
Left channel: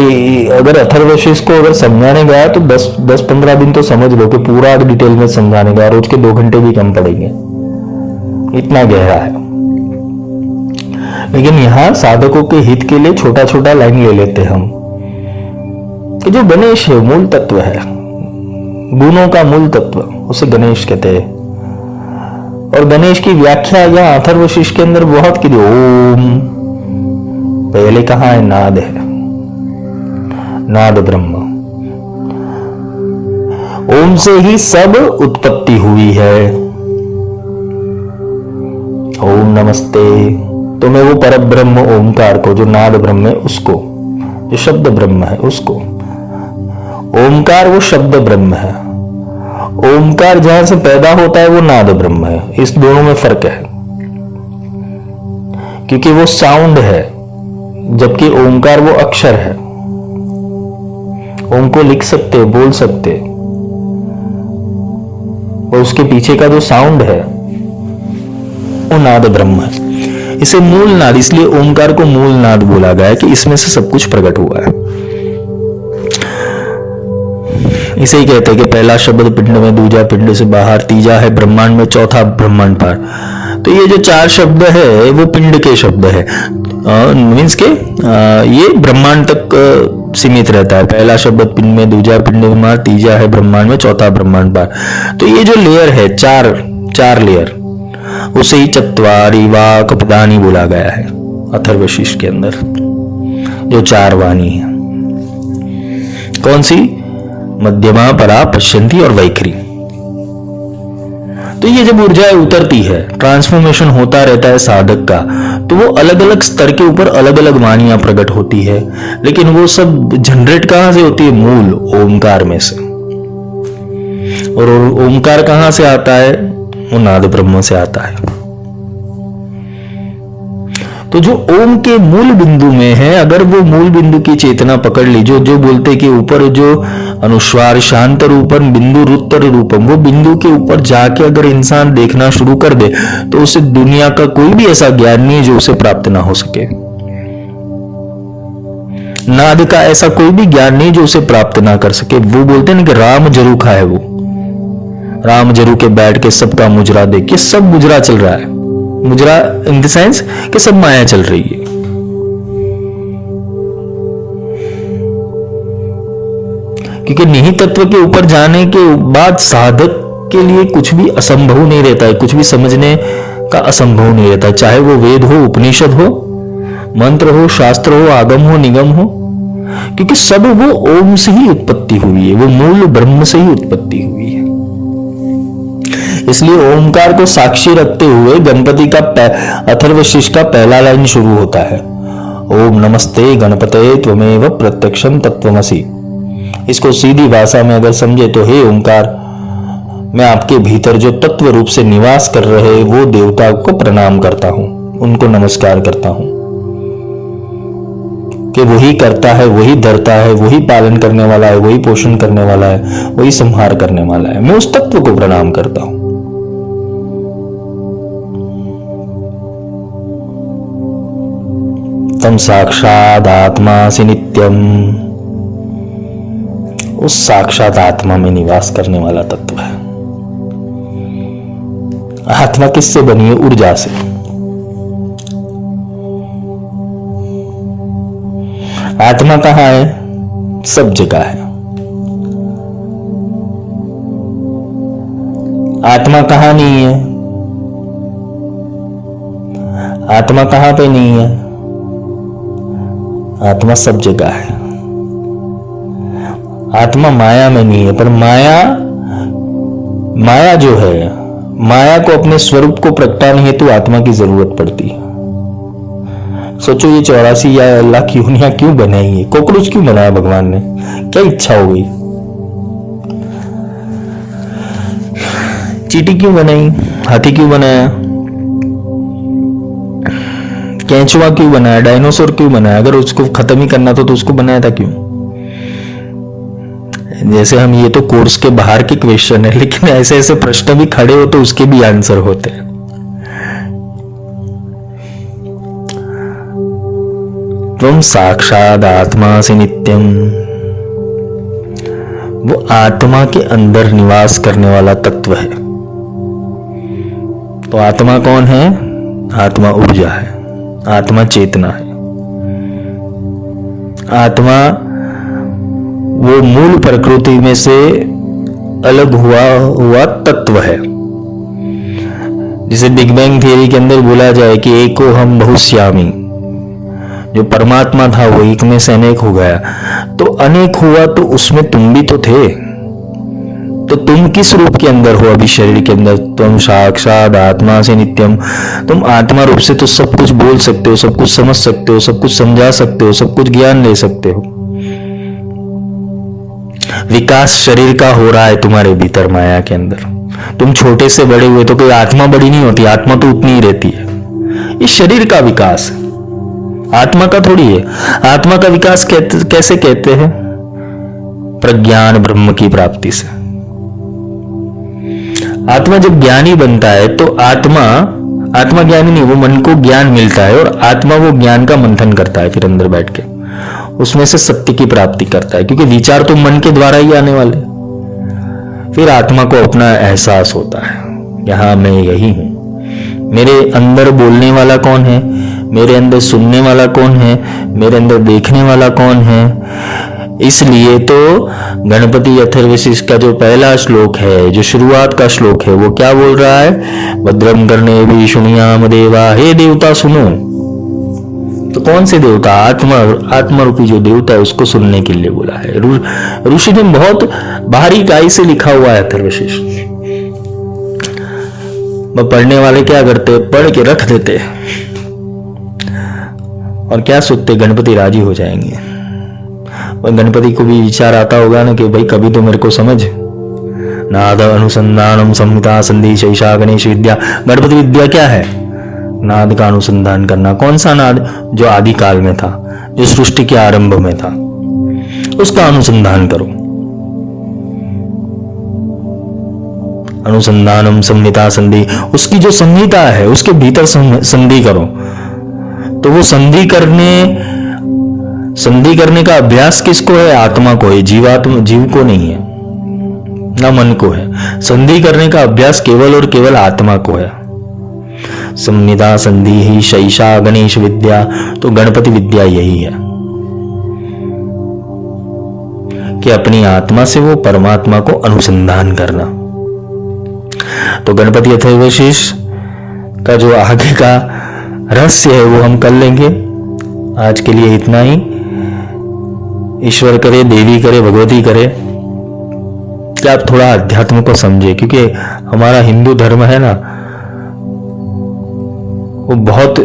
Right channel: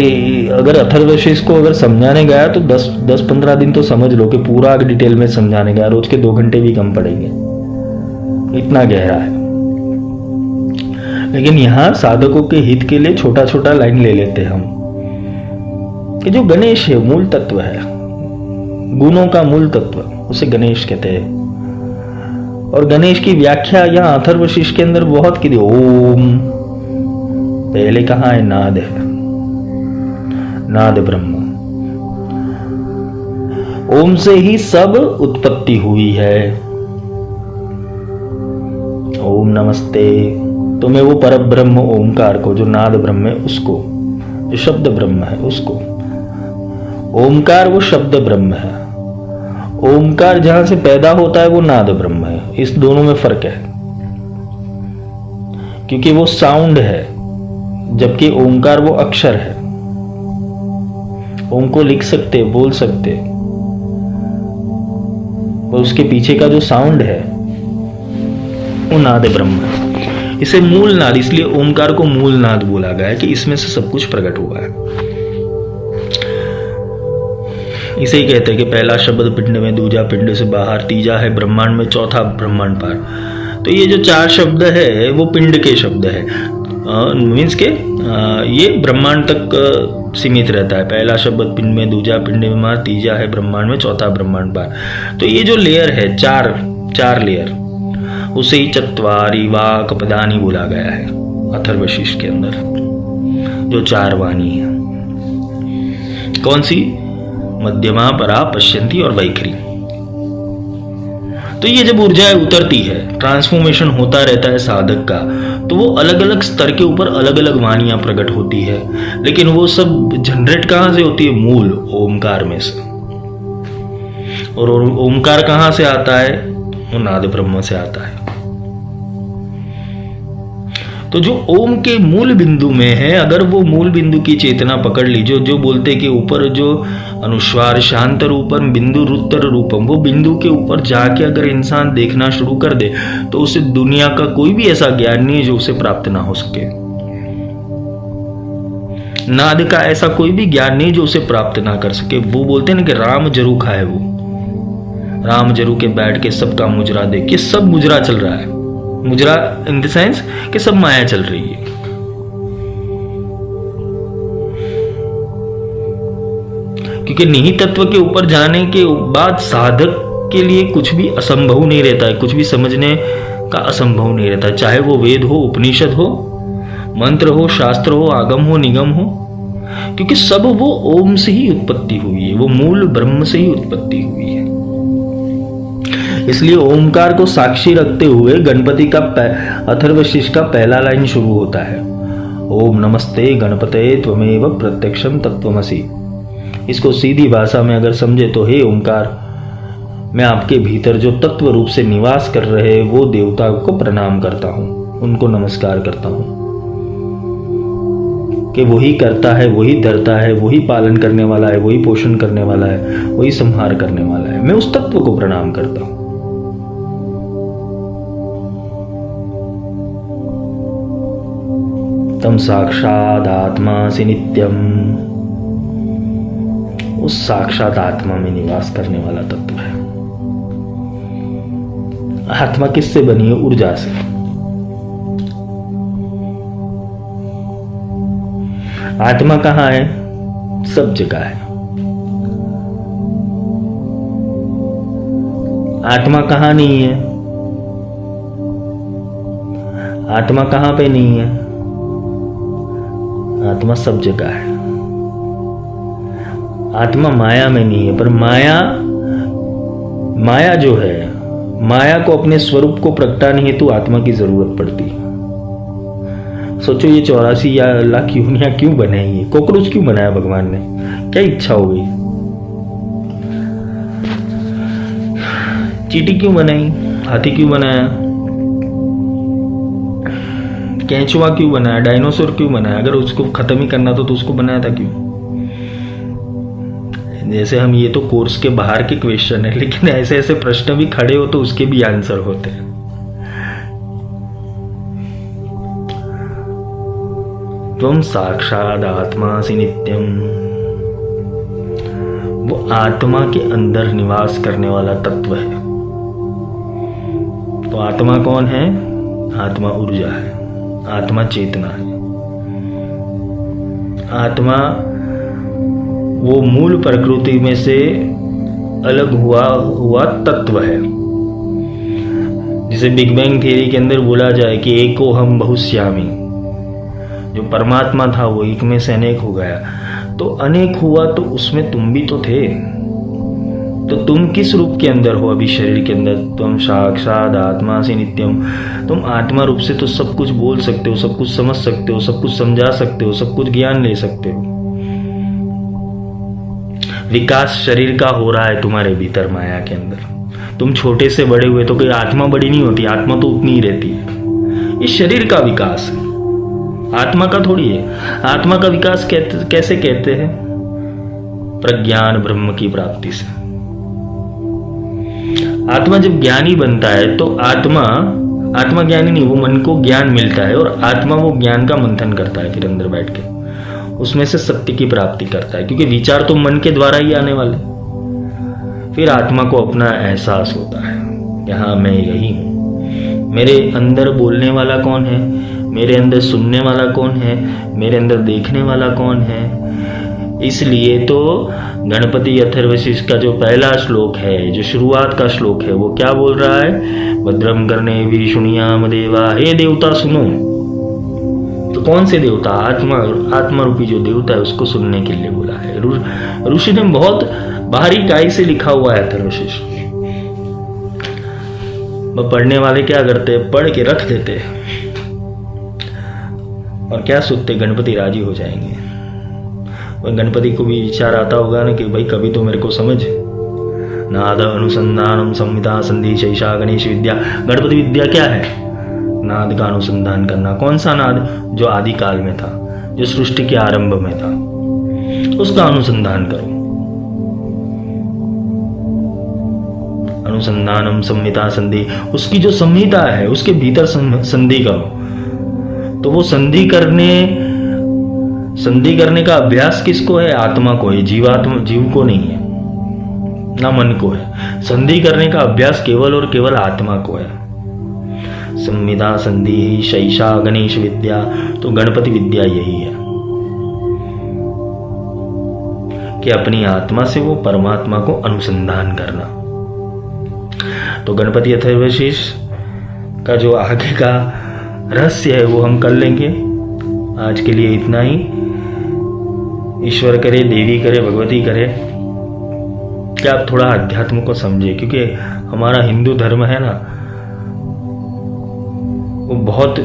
अगर अथर्वशीष को अगर समझाने गया तो 10-15 दिन तो समझ लो कि पूरा डिटेल में समझाने गया, रोज के 2 घंटे भी कम पड़ेंगे, इतना गहरा है। लेकिन यहां साधकों के हित के लिए छोटा छोटा लाइन ले लेते हम कि जो गणेश है मूल तत्व है, गुणों का मूल तत्व, उसे गणेश कहते हैं। और गणेश की व्याख्या यहां अथर्वशीष के अंदर बहुत की। ओम पहले कहां है? नाद है, नाद ब्रह्म। ओम से ही सब उत्पत्ति हुई है। ओम नमस्ते। तो मैं वो पर ब्रह्म ओमकार को, जो नाद ब्रह्म है उसको, जो शब्द ब्रह्म है उसको, ओमकार वो शब्द ब्रह्म है। ओमकार जहां से पैदा होता है वो नाद ब्रह्म है। इस दोनों में फर्क है, क्योंकि वो साउंड है, जबकि ओमकार वो अक्षर है। ओम को लिख सकते, बोल सकते, और उसके पीछे का जो साउंड है वो नाद ब्रह्म है। इसे मूल नाद, इसलिए ओमकार को मूल नाद बोला गया है कि इसमें से सब कुछ प्रकट हुआ है। इसे ही कहते हैं कि पहला शब्द पिंड में, दूजा पिंड से बाहर, तीजा है ब्रह्मांड में, चौथा ब्रह्मांड पार। तो ये जो 4 शब्द है वो पिंड के शब्द है, मीन्स के ये ब्रह्मांड तक सीमित रहता है। पहला शब्द पिंड में, दूजा पिंड में बाहर, तीजा है ब्रह्मांड में, चौथा ब्रह्मांड पार। तो ये जो लेयर है, चार लेयर, उसे ही चत्वारी वाक प्रदानी बोला गया है अथर्वशीष के अंदर। जो 4 वाणी है, कौन सी? मध्यमा, परा, पश्यंती और वैखरी। तो ये जब ऊर्जाएं उतरती है, ट्रांसफॉर्मेशन होता रहता है साधक का, तो वो अलग अलग स्तर के ऊपर अलग अलग वाणियां प्रकट होती है। लेकिन वो सब जनरेट कहां से होती है? मूल ओमकार में से। और ओमकार कहां से आता है? वो नाद ब्रह्म से आता है। तो जो ओम के मूल बिंदु में है, अगर वो मूल बिंदु की चेतना पकड़ ली, जो बोलते कि ऊपर जो अनुस्वार शांत रूपम बिंदु रुत्तर रूपम, वो बिंदु के ऊपर जाके अगर इंसान देखना शुरू कर दे तो उसे दुनिया का कोई भी ऐसा ज्ञान नहीं जो उसे प्राप्त ना हो सके। नाद का ऐसा कोई भी ज्ञान नहीं जो उसे प्राप्त ना कर सके। वो बोलते हैं ना कि राम जरू खा है, वो राम जरू के बैठ के सबका मुजरा देख के, सब मुजरा चल रहा है। मुजरा इन द सेंस कि सब माया चल रही है। क्योंकि निहित तत्व के ऊपर जाने के बाद साधक के लिए कुछ भी असंभव नहीं रहता है, कुछ भी समझने का असंभव नहीं रहता है। चाहे वो वेद हो, उपनिषद हो, मंत्र हो, शास्त्र हो, आगम हो, निगम हो, क्योंकि सब वो ओम से ही उत्पत्ति हुई है, वो मूल ब्रह्म से ही उत्पत्ति हुई है। इसलिए ओमकार को साक्षी रखते हुए गणपति का अथर्वशीष का पहला लाइन शुरू होता है, ओम नमस्ते गणपते त्वमेव प्रत्यक्षम तत्वमसि। इसको सीधी भाषा में अगर समझे तो, हे ओमकार, मैं आपके भीतर जो तत्व रूप से निवास कर रहे वो देवता को प्रणाम करता हूं, उनको नमस्कार करता हूं कि वही करता है, वही धरता है, वही पालन करने वाला है, वही पोषण करने वाला है, वही संहार करने वाला है। मैं उस तत्व को प्रणाम करता हूं। तम साक्षात आत्मासि नित्यम, उस साक्षात आत्मा में निवास करने वाला तत्व है। आत्मा किससे बनी है? ऊर्जा से। आत्मा कहां है? सब जगह है। आत्मा कहां नहीं है? आत्मा कहां पे नहीं है? आत्मा सब जगह है। आत्मा माया में नहीं है, पर माया जो है, माया को अपने स्वरूप को प्रगटाने हेतु आत्मा की जरूरत पड़ती है। सोचो ये 84 या लाख योनियां क्यों बनाई है? कॉकरोच क्यों बनाया भगवान ने? क्या इच्छा हो गई? चींटी क्यों बनाई, हाथी क्यों बनाया, केंचुआ क्यों बनाया, डायनासोर क्यों बनाया? अगर उसको खत्म ही करना था तो उसको बनाया था क्यों? जैसे हम, ये तो कोर्स के बाहर के क्वेश्चन है, लेकिन ऐसे ऐसे प्रश्न भी खड़े हो तो उसके भी आंसर होते हैं। त्वं साक्षात आत्मा से नित्यम, वो आत्मा के अंदर निवास करने वाला तत्व है। तो आत्मा कौन है? आत्मा ऊर्जा है, आत्मा चेतना है, आत्मा वो मूल प्रकृति में से अलग हुआ तत्व है, जिसे बिग बैंग थियरी के अंदर बोला जाए कि एको हम बहुश्यामी, जो परमात्मा था वो एक में से अनेक हो गया। तो अनेक हुआ तो उसमें तुम भी तो थे, तो तुम किस रूप के अंदर हो अभी शरीर के अंदर? तुम साक्षात आत्मा से नित्यम, तुम आत्मा रूप से तो सब कुछ बोल सकते हो, सब कुछ समझ सकते हो, सब कुछ समझा सकते हो, सब कुछ ज्ञान ले सकते हो। विकास शरीर का हो रहा है तुम्हारे भीतर माया के अंदर। तुम छोटे से बड़े हुए तो कोई आत्मा बड़ी नहीं होती, आत्मा तो उतनी ही रहती है। ये शरीर का विकास है, आत्मा का थोड़ी है। आत्मा का विकास कैसे कहते हैं? प्रज्ञान ब्रह्म की प्राप्ति से। आत्मा जब ज्ञानी बनता है तो आत्मा ज्ञानी नहीं, वो मन को ज्ञान मिलता है और आत्मा वो ज्ञान का मंथन करता है, फिर अंदर बैठ के उसमें से सत्य की प्राप्ति करता है, क्योंकि विचार तो मन के द्वारा ही आने वाले। फिर आत्मा को अपना एहसास होता है, यहां मैं यही हूं। मेरे अंदर बोलने वाला कौन है, मेरे अंदर सुनने वाला कौन है, मेरे अंदर देखने वाला कौन है। इसलिए तो गणपति अथर्वशीष का जो पहला श्लोक है, जो शुरुआत का श्लोक है, वो क्या बोल रहा है? भद्रम कर्णे भी शुणियाम देवा, हे देवता सुनो। तो कौन से देवता? आत्मा रूपी जो देवता है उसको सुनने के लिए बोला है। ऋषि ने बहुत बारीकाई से लिखा हुआ है अथर्वशीष। पढ़ने वाले क्या करते? पढ़ के रख देते और क्या सोचते? गणपति राजी हो जाएंगे। और गणपति को भी विचार आता होगा ना कि भाई कभी तो मेरे को समझ। नाद अनुसंधानम संहिता संधि शैषा गणेश विद्या। गणपति विद्या क्या है? नाद का अनुसंधान करना। कौन सा नाद? जो आदि काल में था, जो सृष्टि के आरंभ में था, उसका अनुसंधान करो। अनुसंधानम संहिता संधि, उसकी जो संहिता है उसके भीतर संधि करो। तो वो संधि करने का अभ्यास किसको है? आत्मा को है, जीव को नहीं है, ना मन को है। संधि करने का अभ्यास केवल और केवल आत्मा को है। संहिता संधि ही शैषा गणेश विद्या। तो गणपति विद्या यही है कि अपनी आत्मा से वो परमात्मा को अनुसंधान करना। तो गणपति अथर्वशीष का जो आगे का रहस्य है वो हम कर लेंगे। आज के लिए इतना ही। ईश्वर करे, देवी करे, भगवती करे कि आप थोड़ा अध्यात्म को समझे, क्योंकि हमारा हिंदू धर्म है ना, वो बहुत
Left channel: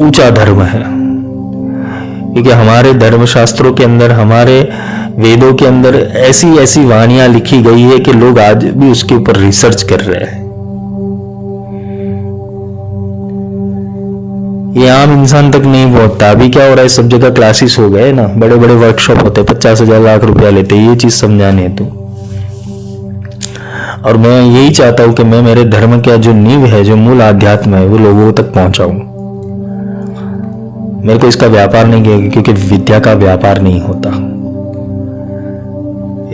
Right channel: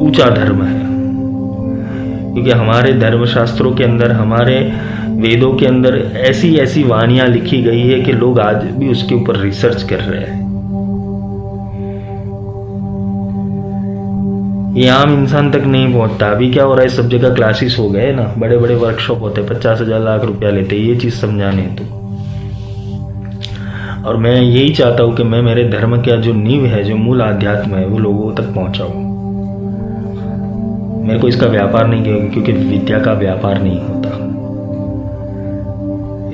ऊंचा धर्म है। क्योंकि हमारे धर्म शास्त्रों के अंदर, हमारे वेदों के अंदर ऐसी ऐसी वाणियां लिखी गई है कि लोग आज भी उसके ऊपर रिसर्च कर रहे हैं। ये आम इंसान तक नहीं पहुंचता। अभी क्या हो रहा है, सब जगह क्लासेस हो गए ना, बड़े बड़े वर्कशॉप होते हैं, 50,000 लाख रुपया लेते हैं ये चीज समझाने हेतु। और मैं यही चाहता हूं कि मैं मेरे धर्म का जो नींव है, जो मूल आध्यात्म है, वो लोगों तक पहुंचाऊं। मेरे को इसका व्यापार नहीं किया, क्योंकि विद्या का व्यापार नहीं होता।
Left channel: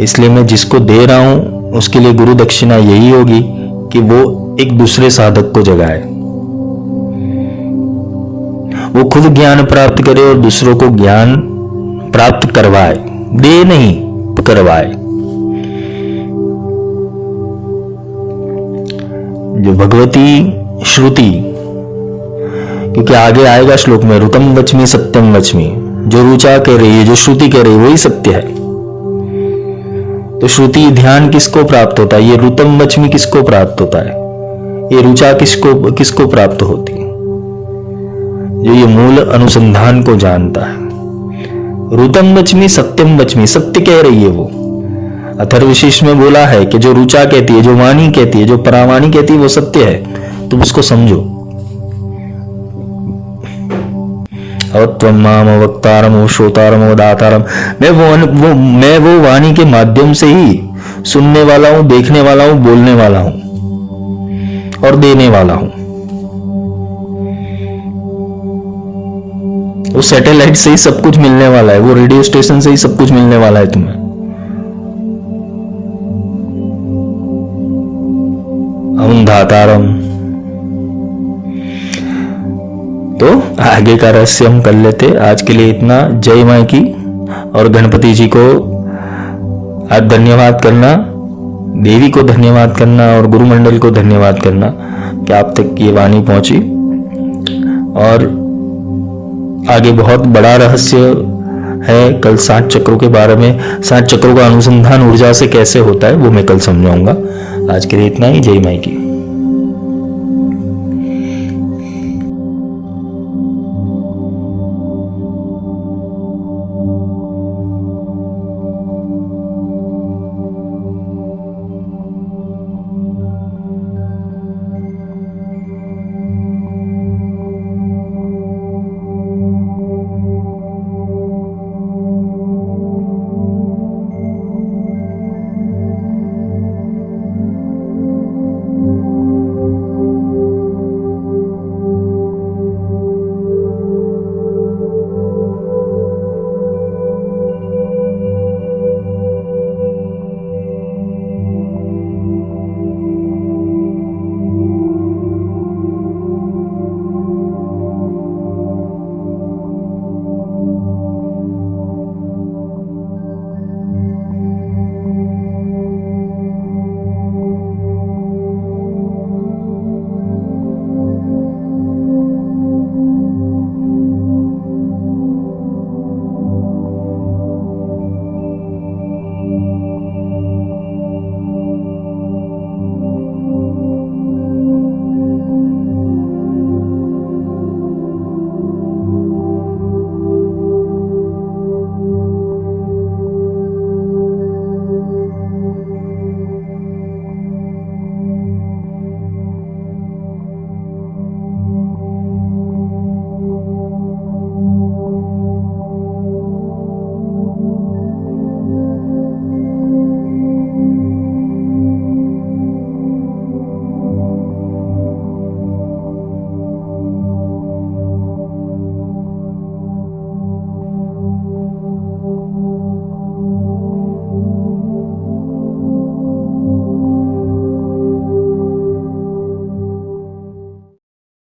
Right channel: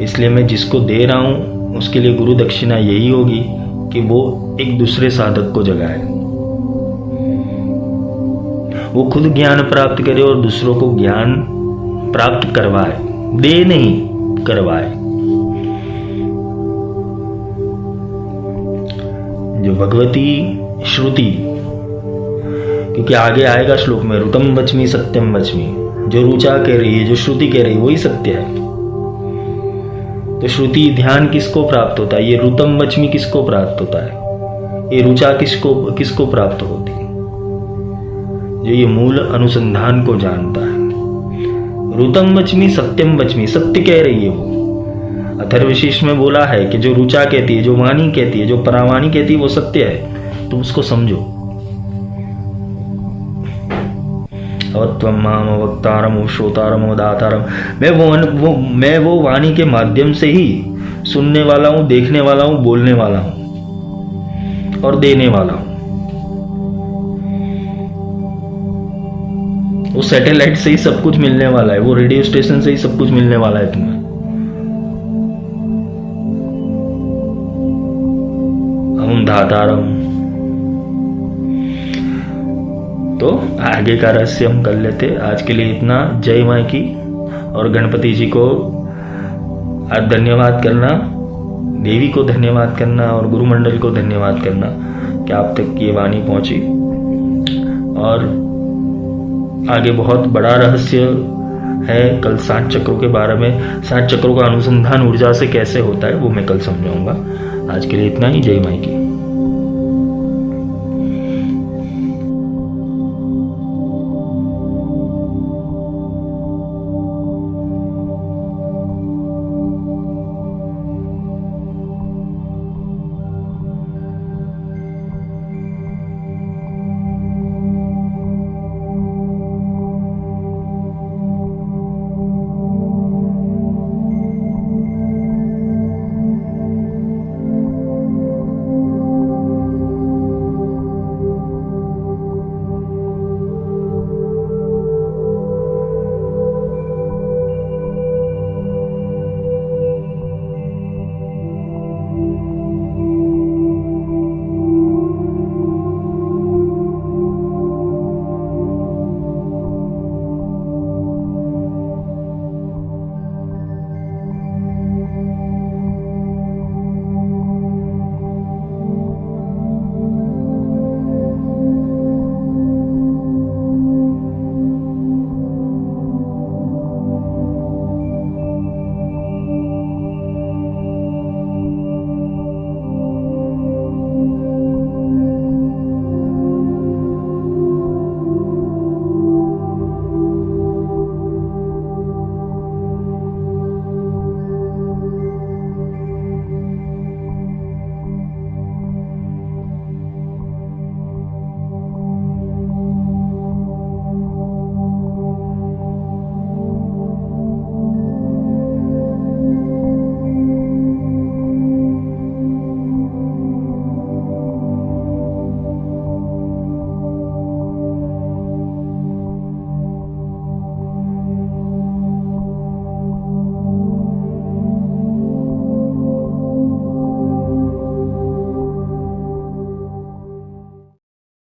इसलिए मैं जिसको दे रहा हूं उसके लिए गुरु दक्षिणा यही होगी कि वो एक दूसरे साधक को जगाए, वो खुद ज्ञान प्राप्त करे और दूसरों को ज्ञान प्राप्त करवाए। दे नहीं, करवाए। जो भगवती श्रुति, क्योंकि आगे आएगा श्लोक में, ऋतम वच्मि सत्यम वच्मि, जो रुचा कह रही है, जो श्रुति कह रही है, वही सत्य है। तो श्रुति ध्यान किसको प्राप्त होता है? ये ऋतम वच्मि किसको प्राप्त होता है? ये रुचा किसको प्राप्त होती है? जो ये मूल अनुसंधान को जानता है। ऋतम वच्मि सत्यम वच्मि, सत्य कह रही है वो। अथर्वशीष में बोला है कि जो ऋचा कहती है, जो वाणी कहती है, जो परावाणी कहती है वो सत्य है, तुम उसको समझो। और त्वं माम वक्तारम श्रोतारम दातारम, मैं वो वाणी के माध्यम से ही सुनने वाला हूं, देखने वाला हूं, बोलने वाला हूं और देने वाला हूं। वो सैटेलाइट से ही सब कुछ मिलने वाला है, वो रेडियो स्टेशन से ही सब कुछ मिलने वाला है तुम्हें। हम धातारम। तो आगे का रहस्य हम कर लेते। आज के लिए इतना। जय मां की। और गणपति जी को आज धन्यवाद करना, देवी को धन्यवाद करना और गुरुमंडल को धन्यवाद करना कि आप तक ये वाणी पहुंची। और आगे बहुत बड़ा रहस्य है कल 60 चक्रों के बारे में। 60 चक्रों का अनुसंधान ऊर्जा से कैसे होता है वो मैं कल समझाऊंगा। आज के लिए इतना ही। जय मां की।